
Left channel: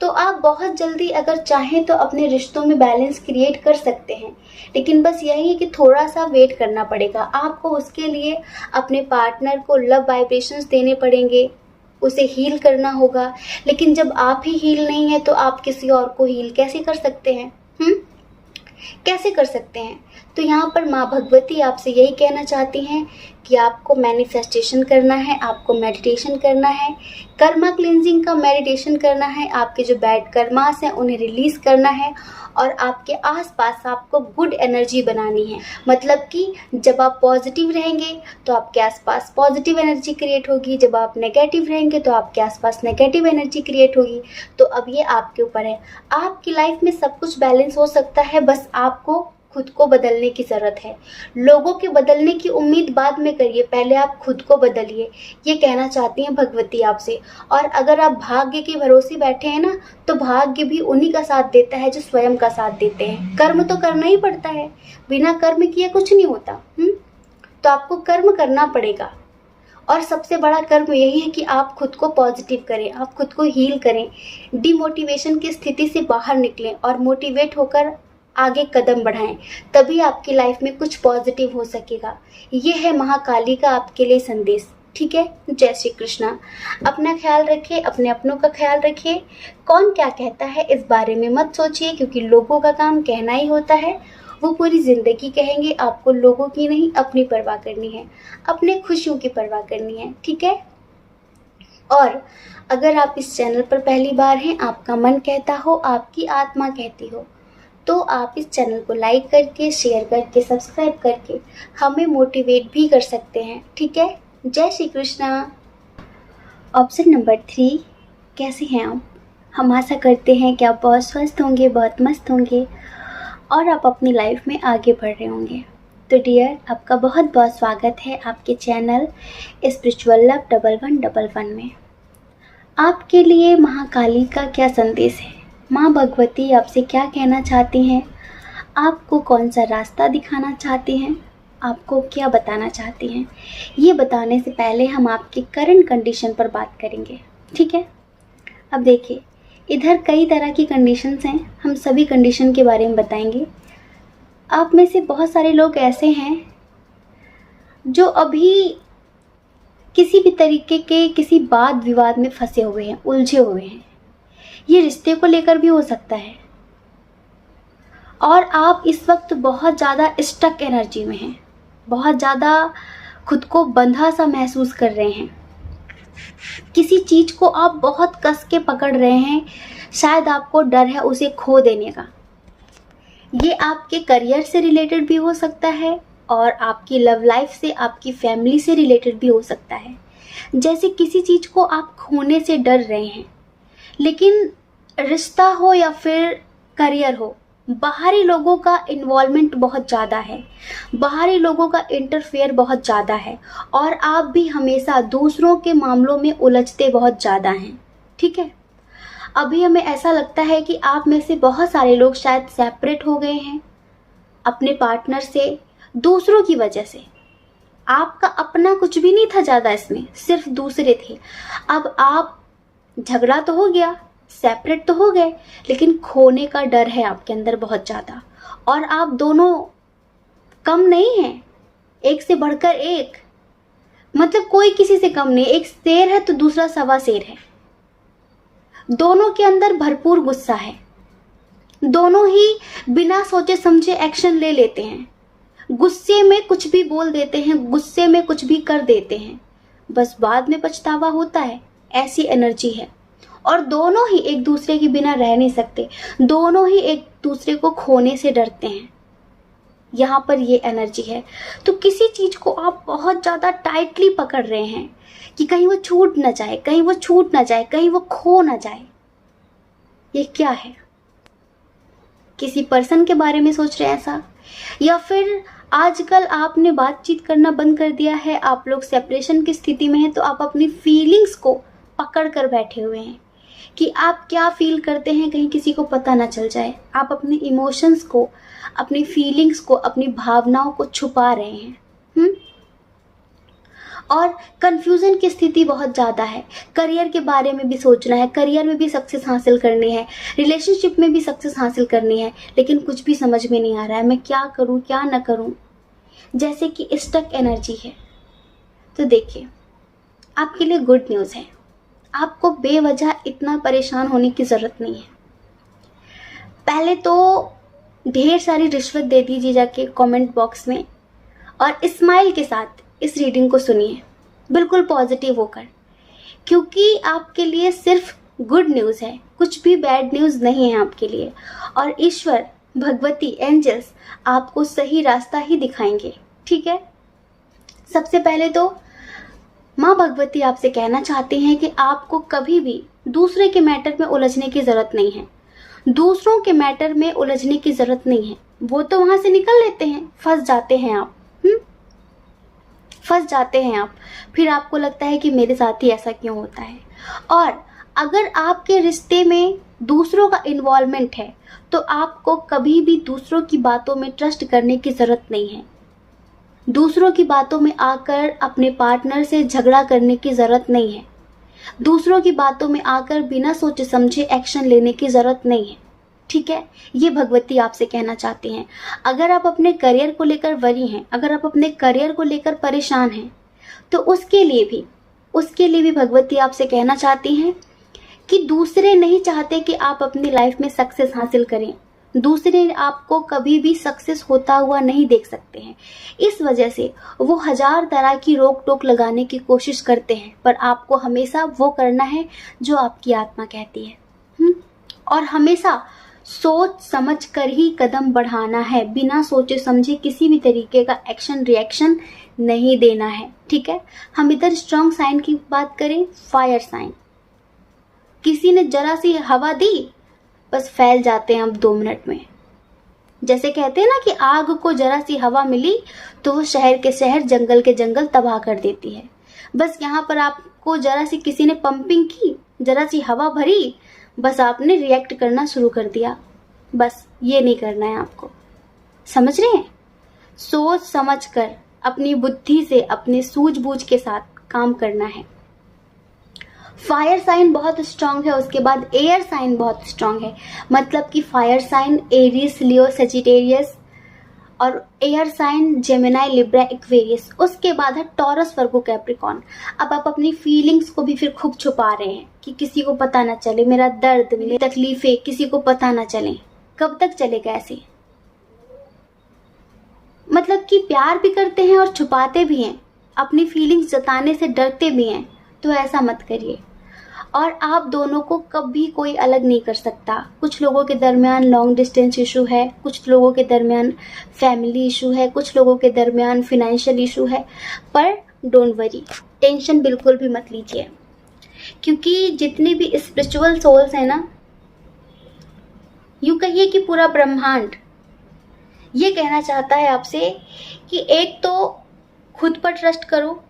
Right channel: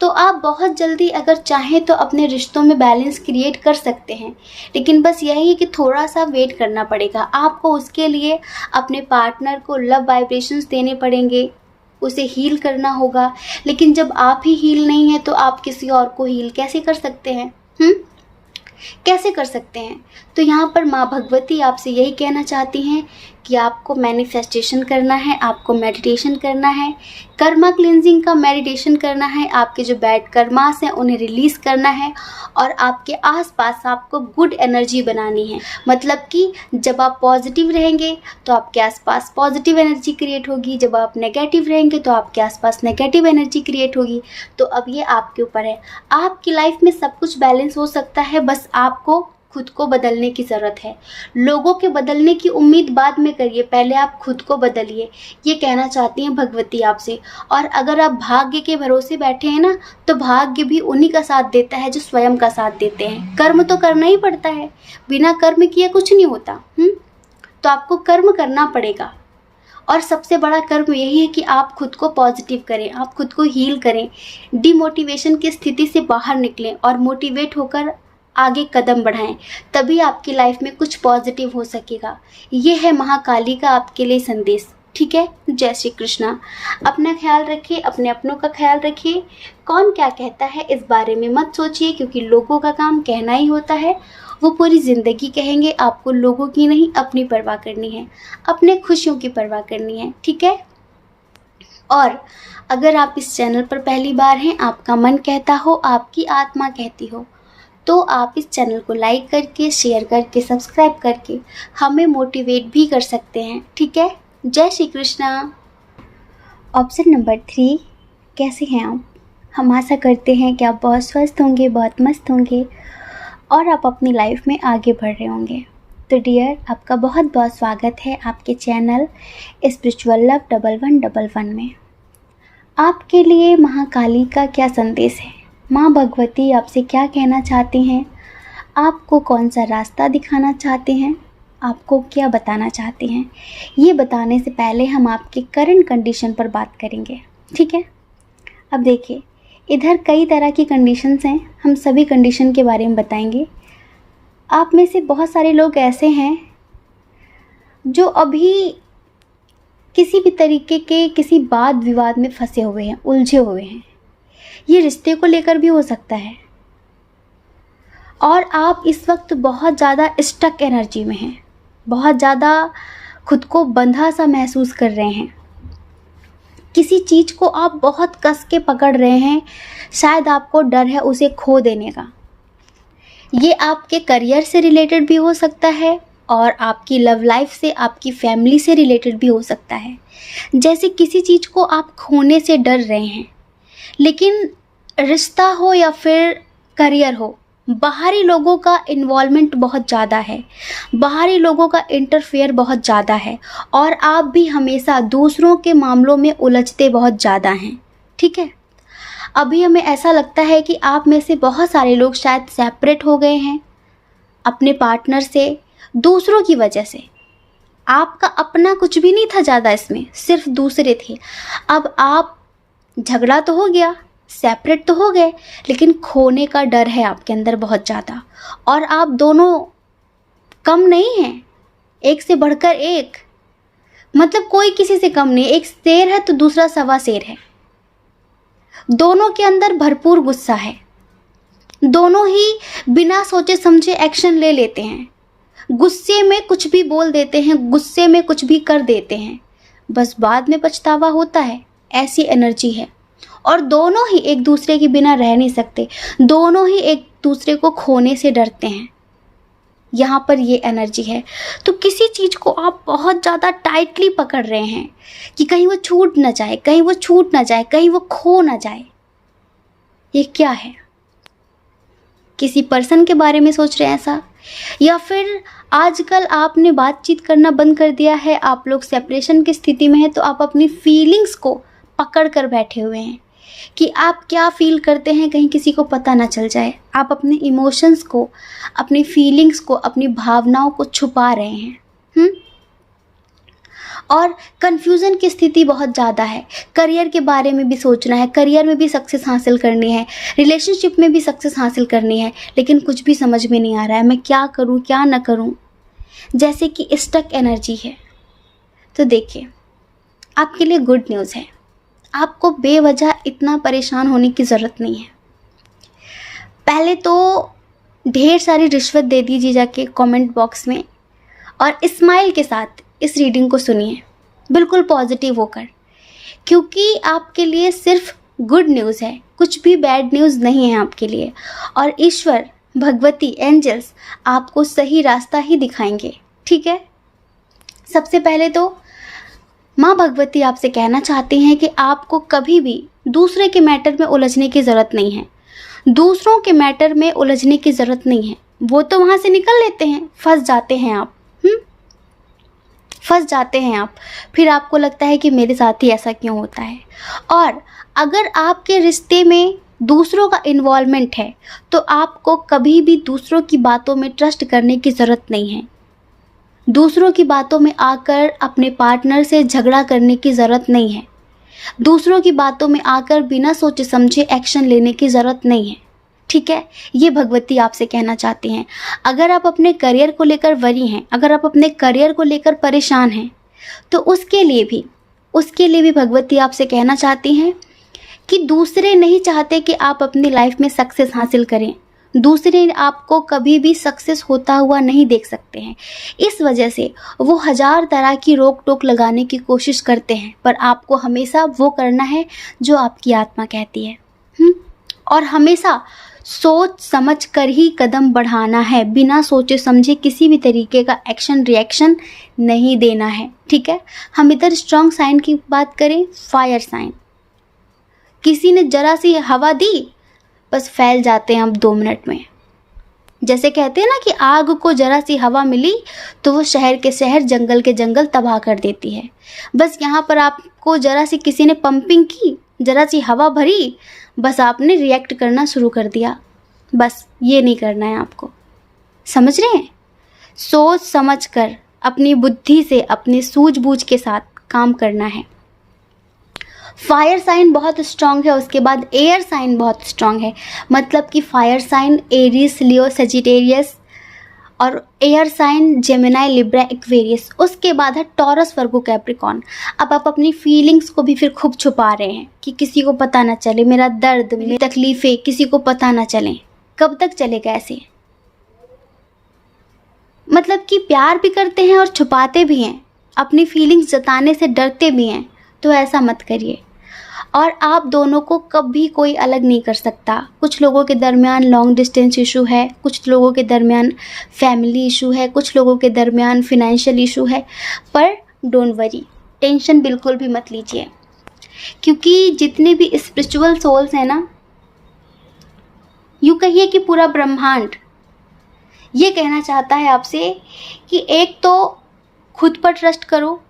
तो आप बहुत जल्दी अगर चाहें तो अपने रिश्तों में बैलेंस क्रिएट कर सकते हैं। लेकिन बस यही है कि थोड़ा सा वेट करना पड़ेगा आपको। उसके लिए अपने पार्टनर को लव वाइब्रेशंस देने पड़ेंगे, उसे हील करना होगा। लेकिन जब आप ही हील नहीं है तो आप किसी और को हील कैसे कर सकते हैं? कैसे कर सकते हैं? तो यहाँ पर माँ भगवती आपसे यही कहना चाहती हैं कि आपको मैनिफेस्टेशन करना है, आपको मेडिटेशन करना है, कर्मा क्लींजिंग का मेडिटेशन करना है, आपके जो बैड कर्मास हैं उन्हें रिलीज करना है, और आपके आसपास आपको गुड एनर्जी बनानी है। मतलब कि जब आप पॉजिटिव रहेंगे तो आपके आसपास पॉजिटिव एनर्जी क्रिएट होगी, जब आप नेगेटिव रहेंगे तो आपके आसपास नेगेटिव एनर्जी क्रिएट होगी। तो अब ये आपके ऊपर है। आपकी लाइफ में सब कुछ बैलेंस हो सकता है, बस आपको खुद को बदलने की ज़रूरत है। लोगों के बदलने की उम्मीद बाद में करिए, पहले आप खुद को बदलिए, ये कहना चाहती हैं भगवती आपसे। और अगर आप भाग्य के भरोसे बैठे हैं ना, तो भाग्य भी उन्हीं का साथ देता है जो स्वयं का साथ देते हैं। कर्म तो करना ही पड़ता है, बिना कर्म किए कुछ नहीं होता। तो आपको कर्म करना पड़ेगा, और सबसे बड़ा कर्म यही है कि आप खुद को पॉजिटिव करें, आप खुद को हील करें, डिमोटिवेशन की स्थिति से बाहर निकलें और मोटिवेट होकर आगे कदम बढ़ाएं। तभी आपकी लाइफ में कुछ पॉजिटिव हो सकेगा। ये है महाकाली का आपके लिए संदेश, ठीक है। जय श्री कृष्णा। अपना ख्याल रखिए, अपने अपनों का ख्याल रखिए। कौन क्या कहता है इस बारे में मत सोचिए, क्योंकि लोगों का काम कहना ही होता है, वो पूरी ज़िंदगी कहेंगे। आपको लोगों की नहीं, अपनी परवाह करनी है, अपने खुशियों की परवाह करनी है, ठीक है। और अगर आप इस चैनल पर पहली बार हैं, आपका मन कहता हो, आपकी आत्मा कहती हो, तो आप इस चैनल को लाइक करके, शेयर करके, सब्सक्राइब करके हमें मोटिवेट भी कर सकते हैं, ठीक है। जय श्री कृष्णा। ऑप्शन नंबर 3, कैसे हैं आप? हम आशा करते हैं कि आप बहुत स्वस्थ होंगे, बहुत मस्त होंगे और आप अपनी लाइफ में आगे बढ़ रहे होंगे। तो डियर, आपका बहुत बहुत स्वागत है आपके चैनल स्पिरिचुअल लव 1111 में। आपके लिए महाकाली का क्या संदेश है? माँ भगवती आपसे क्या कहना चाहती हैं? आपको कौन सा रास्ता दिखाना चाहती हैं? आपको क्या बताना चाहती हैं? ये बताने से पहले हम आपके करंट कंडीशन पर बात करेंगे, ठीक है? अब देखिए, इधर कई तरह की कंडीशंस हैं, हम सभी कंडीशन के बारे में बताएंगे। आप में से बहुत सारे लोग ऐसे हैं जो अभी किसी भी तरीके के किसी वाद विवाद में फंसे हुए हैं, उलझे हुए हैं। ये रिश्ते को लेकर भी हो सकता है और आप इस वक्त बहुत ज़्यादा स्टक एनर्जी में हैं, बहुत ज़्यादा खुद को बंधा सा महसूस कर रहे हैं। किसी चीज़ को आप बहुत कस के पकड़ रहे हैं, शायद आपको डर है उसे खो देने का। ये आपके करियर से रिलेटेड भी हो सकता है और आपकी लव लाइफ से, आपकी फैमिली से रिलेटेड भी हो सकता है। जैसे किसी चीज़ को आप खोने से डर रहे हैं, लेकिन रिश्ता हो या फिर करियर हो, बाहरी लोगों का इन्वॉल्वमेंट बहुत ज़्यादा है, बाहरी लोगों का इंटरफेयर बहुत ज़्यादा है और आप भी हमेशा दूसरों के मामलों में उलझते बहुत ज़्यादा हैं, ठीक है? अभी हमें ऐसा लगता है कि आप में से बहुत सारे लोग शायद सेपरेट हो गए हैं अपने पार्टनर से, दूसरों की वजह से। आपका अपना कुछ भी नहीं था ज़्यादा इसमें, सिर्फ दूसरे थे। अब आप, झगड़ा तो हो गया, सेपरेट तो हो गए, लेकिन खोने का डर है आपके अंदर बहुत ज़्यादा। और आप दोनों कम नहीं हैं, एक से बढ़कर एक, मतलब कोई किसी से कम नहीं। एक शेर है तो दूसरा सवा शेर है। दोनों के अंदर भरपूर गुस्सा है, दोनों ही बिना सोचे समझे एक्शन ले लेते हैं, गुस्से में कुछ भी बोल देते हैं, गुस्से में कुछ भी कर देते हैं, बस बाद में पछतावा होता है। ऐसी एनर्जी है और दोनों ही एक दूसरे के बिना रह नहीं सकते, दोनों ही एक दूसरे को खोने से डरते हैं। यहाँ पर ये एनर्जी है। तो किसी चीज़ को आप बहुत ज़्यादा टाइटली पकड़ रहे हैं कि कहीं वो छूट ना जाए, कहीं वो छूट ना जाए, कहीं वो खो ना जाए। ये क्या है? किसी पर्सन के बारे में सोच रहे हैं ऐसा, या फिर आजकल आपने बातचीत करना बंद कर दिया है, आप लोग सेपरेशन की स्थिति में हैं, तो आप अपनी फीलिंग्स को पकड़ कर बैठे हुए हैं कि आप क्या फील करते हैं कहीं किसी को पता ना चल जाए। आप अपने इमोशंस को, अपनी फीलिंग्स को, अपनी भावनाओं को छुपा रहे हैं। और कन्फ्यूज़न की स्थिति बहुत ज़्यादा है। करियर के बारे में भी सोचना है, करियर में भी सक्सेस हासिल करनी है, रिलेशनशिप में भी सक्सेस हासिल करनी है, लेकिन कुछ भी समझ में नहीं आ रहा है, मैं क्या करूं क्या ना करूं, जैसे कि स्टक एनर्जी है। तो देखिए, आपके लिए गुड न्यूज़ है, आपको बेवजह इतना परेशान होने की ज़रूरत नहीं है। पहले तो ढेर सारी रिश्वत दे दीजिए जाके कमेंट बॉक्स में और स्माइल के साथ इस रीडिंग को सुनिए, बिल्कुल पॉजिटिव होकर, क्योंकि आपके लिए सिर्फ गुड न्यूज़ है, कुछ भी बैड न्यूज़ नहीं है आपके लिए। और ईश्वर, भगवती, एंजल्स आपको सही रास्ता ही दिखाएंगे, ठीक है? सबसे पहले तो माँ भगवती आपसे कहना चाहती हैं कि आपको कभी भी दूसरे के मैटर में उलझने की ज़रूरत नहीं है। दूसरों के मैटर में उलझने की ज़रूरत नहीं है, वो तो वहाँ से निकल लेते हैं, फंस जाते हैं आप, फंस जाते हैं आप। फिर आपको लगता है कि मेरे साथ ही ऐसा क्यों होता है। और अगर आपके रिश्ते में दूसरों का इन्वॉल्वमेंट है तो आपको कभी भी दूसरों की बातों में ट्रस्ट करने की ज़रूरत नहीं है। दूसरों की बातों में आकर अपने पार्टनर से झगड़ा करने की ज़रूरत नहीं है। दूसरों की बातों में आकर बिना सोचे समझे एक्शन लेने की ज़रूरत नहीं है, ठीक है? ये भगवती आपसे कहना चाहती हैं। अगर आप अपने करियर को लेकर वरी हैं, अगर आप अपने करियर को लेकर परेशान हैं, तो उसके लिए भी भगवती आपसे कहना चाहती हैं कि दूसरे नहीं चाहते कि आप अपनी लाइफ में सक्सेस हासिल करें। दूसरे आपको कभी भी सक्सेस होता हुआ नहीं देख सकते हैं। इस वजह से वो हजार तरह की रोक टोक लगाने की कोशिश करते हैं, पर आपको हमेशा वो करना है जो आपकी आत्मा कहती है। और हमेशा सोच समझ कर ही कदम बढ़ाना है, बिना सोचे समझे किसी भी तरीके का एक्शन रिएक्शन नहीं देना है, ठीक है। हम इधर स्ट्रॉन्ग साइन की बात करें, फायर साइन, किसी ने जरा सी हवा दी बस फैल जाते हैं हम 2 मिनट में। जैसे कहते हैं ना कि आग को जरा सी हवा मिली तो वो शहर के शहर जंगल के जंगल तबाह कर देती है। बस यहाँ पर आपको जरा सी किसी ने पंपिंग की, जरा सी हवा भरी, बस आपने रिएक्ट करना शुरू कर दिया। बस ये नहीं करना है आपको, समझ रहे हैं। सोच समझ कर अपनी बुद्धि से अपने सूझबूझ के साथ काम करना है। फायर साइन बहुत स्ट्रांग है, उसके बाद एयर साइन बहुत स्ट्रांग है। मतलब कि fire sign Aries, Leo, Sagittarius, और air sign Gemini, Libra, Aquarius. उसके बाद है टॉरस, वर्गो, कैप्रिकॉर्न। अब आप अपनी फीलिंग्स को भी फिर खूब छुपा रहे हैं कि किसी को पता ना चले, मेरा दर्द, मेरी तकलीफें किसी को पता ना चले। कब तक चलेगा ऐसे? मतलब कि प्यार भी करते हैं और छुपाते भी हैं, अपनी फीलिंग्स जताने से डरते भी हैं, तो ऐसा मत करिए। और आप दोनों को कभी कोई अलग नहीं कर सकता। कुछ लोगों के दरमियान लॉन्ग डिस्टेंस इशू है, कुछ लोगों के दरमियान फैमिली इशू है, कुछ लोगों के दरमियान फिनेंशियल इशू है, पर डोंट वरी, टेंशन बिल्कुल भी मत लीजिए। क्योंकि जितने भी स्पिरिचुअल सोल्स हैं ना, यूँ कहिए कि पूरा ब्रह्मांड ये कहना चाहता है आपसे कि एक तो खुद पर ट्रस्ट करो,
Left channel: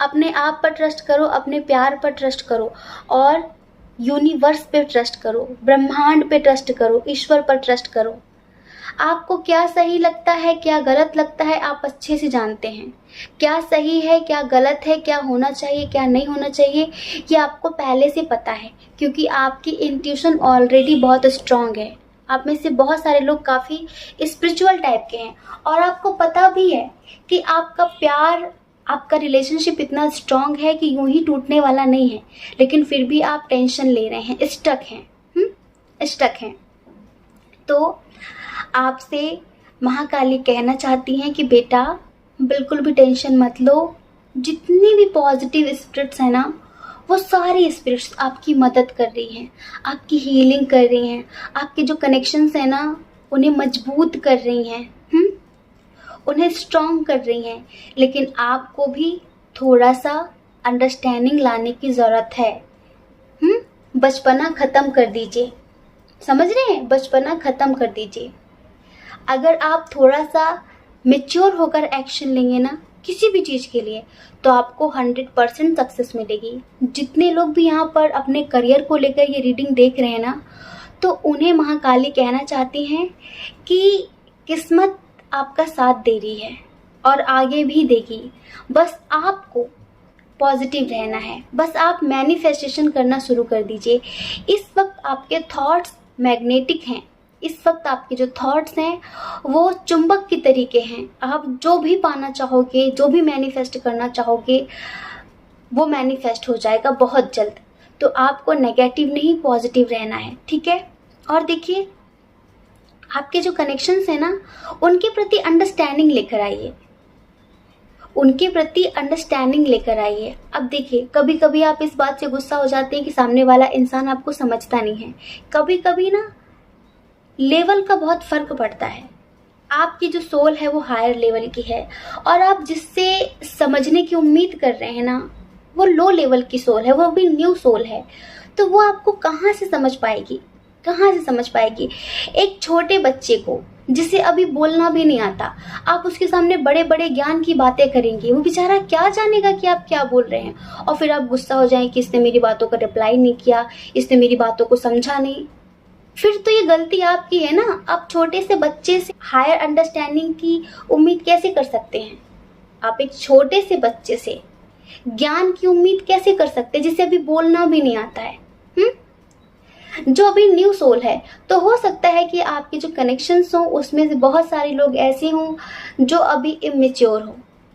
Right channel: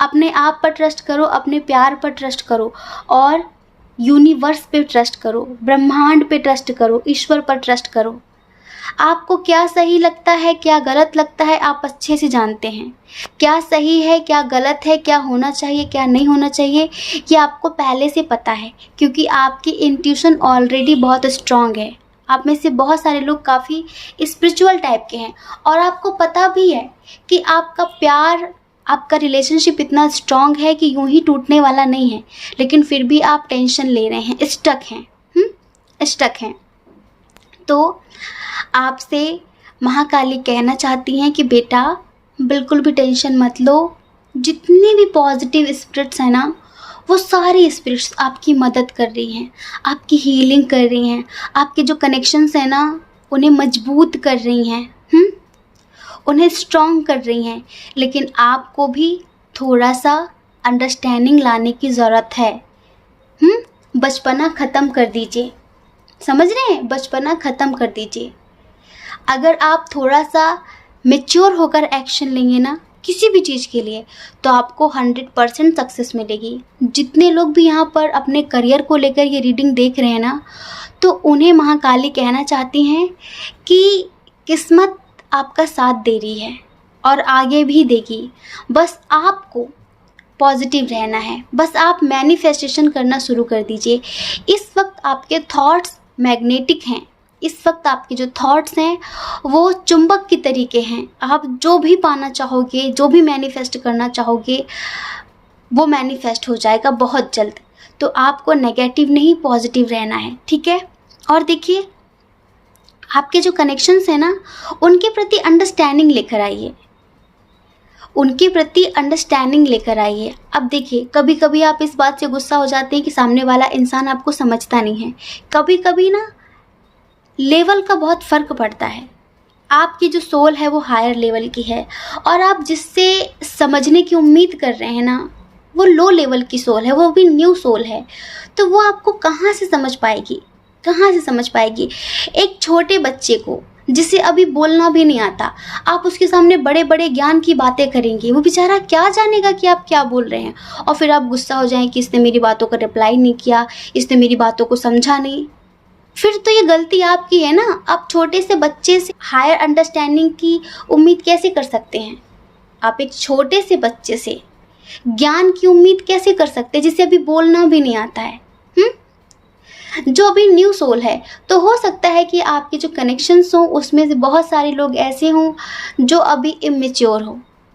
अपने आप पर ट्रस्ट करो, अपने प्यार पर ट्रस्ट करो, और यूनिवर्स पे ट्रस्ट करो, ब्रह्मांड पे ट्रस्ट करो, ईश्वर पर ट्रस्ट करो। आपको क्या सही लगता है, क्या गलत लगता है, आप अच्छे से जानते हैं। क्या सही है, क्या गलत है, क्या होना चाहिए, क्या नहीं होना चाहिए, ये आपको पहले से पता है। क्योंकि आपकी इंट्यूशन ऑलरेडी बहुत स्ट्रांग है। आप में से बहुत सारे लोग काफ़ी स्पिरिचुअल टाइप के हैं, और आपको पता भी है कि आपका प्यार, आपका रिलेशनशिप इतना स्ट्रांग है कि यूं ही टूटने वाला नहीं है। लेकिन फिर भी आप टेंशन ले रहे हैं, स्टक हैं, स्टक हैं। तो आपसे महाकाली कहना चाहती हैं कि बेटा बिल्कुल भी टेंशन मत लो। जितने भी पॉजिटिव स्पिरिट्स हैं ना, वो सारी स्पिरिट्स आपकी मदद कर रही हैं, आपकी हीलिंग कर रही हैं, आपके जो कनेक्शंस हैं ना उन्हें मजबूत कर रही हैं, उन्हें स्ट्रॉन्ग कर रही हैं। लेकिन आपको भी थोड़ा सा अंडरस्टैंडिंग लाने की ज़रूरत है। बचपना ख़त्म कर दीजिए, समझ रहे हैं, बचपना ख़त्म कर दीजिए। अगर आप थोड़ा सा मैच्योर होकर एक्शन लेंगे ना किसी भी चीज़ के लिए, तो आपको 100% सक्सेस मिलेगी। जितने लोग भी यहाँ पर अपने करियर को लेकर ये रीडिंग देख रहे हैं ना, तो उन्हें महाकाली कहना चाहती हैं कि किस्मत आपका साथ दे रही है और आगे भी देगी। बस आपको पॉजिटिव रहना है, बस आप मैनिफेस्टेशन करना शुरू कर दीजिए। इस वक्त आपके थॉट्स मैग्नेटिक हैं, इस वक्त आपके जो थॉट्स हैं वो चुंबक की तरीके हैं। आप जो भी पाना चाहोगे, जो भी मैनिफेस्ट करना चाहोगे, वो मैनिफेस्ट हो जाएगा बहुत जल्द। तो आपको नेगेटिव नहीं पॉजिटिव रहना है, ठीक है। और देखिए, आपके जो कनेक्शंस हैं ना, उनके प्रति अंडरस्टैंडिंग लेकर आइए, उनके प्रति अंडरस्टैंडिंग लेकर आइए। अब देखिए, कभी कभी आप इस बात से गुस्सा हो जाते हैं कि सामने वाला इंसान आपको समझता नहीं है। कभी कभी ना लेवल का बहुत फ़र्क पड़ता है। आपकी जो सोल है वो हायर लेवल की है, और आप जिससे समझने की उम्मीद कर रहे हैं ना, वो लो लेवल की सोल है, वो भी न्यू सोल है। तो वो आपको कहाँ से समझ पाएगी, कहाँ से समझ पाएगी? एक छोटे बच्चे को जिसे अभी बोलना भी नहीं आता, आप उसके सामने बड़े बड़े ज्ञान की बातें करेंगे, वो बेचारा क्या जानेगा कि आप क्या बोल रहे हैं। और फिर आप गुस्सा हो जाएं कि इसने मेरी बातों का रिप्लाई नहीं किया, इसने मेरी बातों को समझा नहीं। फिर तो ये गलती आपकी है ना। आप छोटे से बच्चे से हायर अंडरस्टैंडिंग की उम्मीद कैसे कर सकते हैं? आप एक छोटे से बच्चे से ज्ञान की उम्मीद कैसे कर सकते हैं जिसे अभी बोलना भी नहीं आता है? जो अभी न्यू सोल है, तो हो सकता है कि आपके जो कनेक्शंस हों उसमें से बहुत सारे लोग ऐसे हों जो अभी इमेच्योर हों,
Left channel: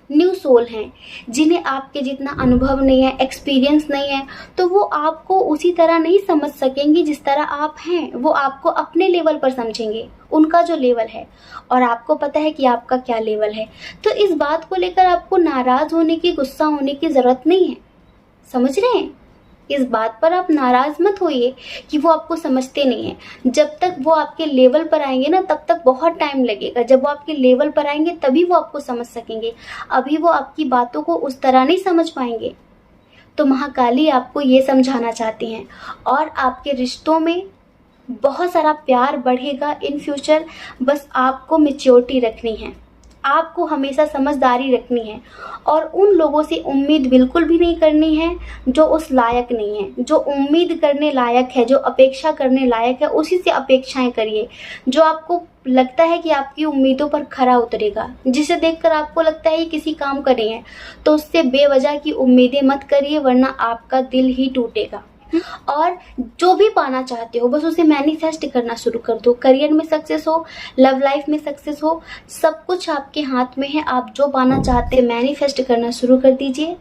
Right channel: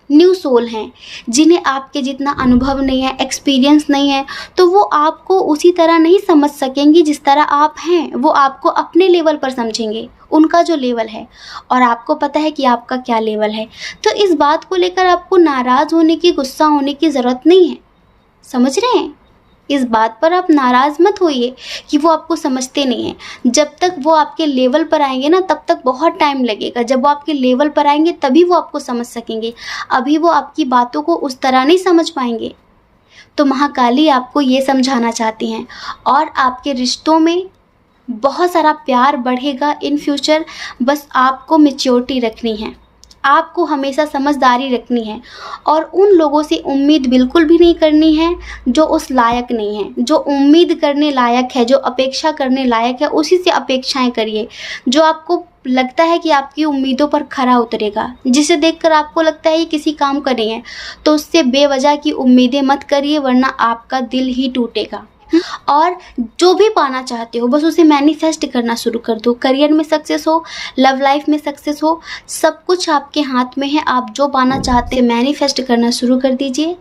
न्यू सोल हैं, जिन्हें आपके जितना अनुभव नहीं है, एक्सपीरियंस नहीं है, तो वो आपको उसी तरह नहीं समझ सकेंगे जिस तरह आप हैं। वो आपको अपने लेवल पर समझेंगे, उनका जो लेवल है, और आपको पता है कि आपका क्या लेवल है। तो इस बात को लेकर आपको नाराज़ होने की, गुस्सा होने की ज़रूरत नहीं है, समझ रहे हैं? इस बात पर आप नाराज़ मत होइए कि वो आपको समझते नहीं हैं। जब तक वो आपके लेवल पर आएंगे ना, तब तक बहुत टाइम लगेगा। जब वो आपके लेवल पर आएंगे तभी वो आपको समझ सकेंगे। अभी वो आपकी बातों को उस तरह नहीं समझ पाएंगे। तो महाकाली आपको ये समझाना चाहती हैं, और आपके रिश्तों में बहुत सारा प्यार बढ़ेगा इन फ्यूचर। बस आपको मैच्योरिटी रखनी है, आपको हमेशा समझदारी रखनी है, और उन लोगों से उम्मीद बिल्कुल भी नहीं करनी है जो उस लायक नहीं है। जो उम्मीद करने लायक है, जो अपेक्षा करने लायक है, उसी से अपेक्षाएं करिए। जो आपको लगता है कि आपकी उम्मीदों पर खरा उतरेगा, जिसे देखकर आपको लगता है ये किसी काम का नहीं है, तो उससे बेवजह की उम्मीदें मत करिए, वरना आपका दिल ही टूटेगा। और जो भी पाना चाहते हो बस उसे मैनिफेस्ट करना शुरू कर दो। करियर में सक्सेस हो, लव लाइफ में सक्सेस हो, सब कुछ आपके हाथ में है। आप जो पाना चाहते हैं मैनिफेस्ट करना शुरू कर दीजिए,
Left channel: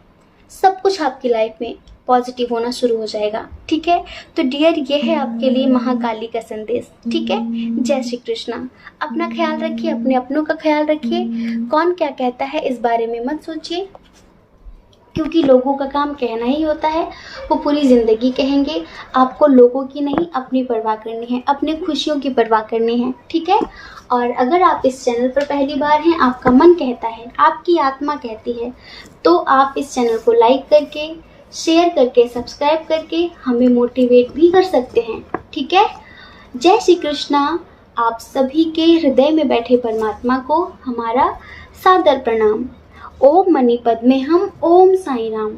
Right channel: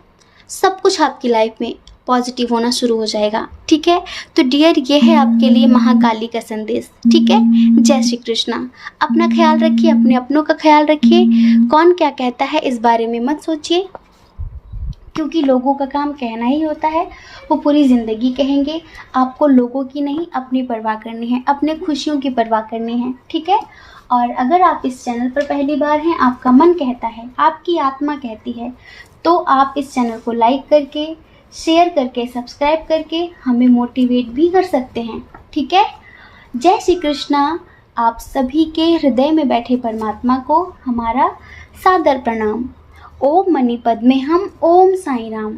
सब कुछ आपकी लाइफ में पॉजिटिव होना शुरू हो जाएगा। ठीक है, तो डियर ये है आपके लिए महाकाली का संदेश। ठीक है, जय श्री कृष्णा। अपना ख्याल रखिए, अपने अपनों का ख्याल रखिए। कौन क्या कहता है इस बारे में मत सोचिए, क्योंकि लोगों का काम कहना ही होता है, वो पूरी ज़िंदगी कहेंगे। आपको लोगों की नहीं, अपनी परवाह करनी है, अपने खुशियों की परवाह करनी है। ठीक है, और अगर आप इस चैनल पर पहली बार हैं, आपका मन कहता है, आपकी आत्मा कहती है, तो आप इस चैनल को लाइक करके, शेयर करके, सब्सक्राइब करके हमें मोटिवेट भी कर सकते हैं। ठीक है, जय श्री कृष्णा। आप सभी के हृदय में बैठे परमात्मा को हमारा सादर प्रणाम। ओम मणिपद में हम, ओम साईं राम।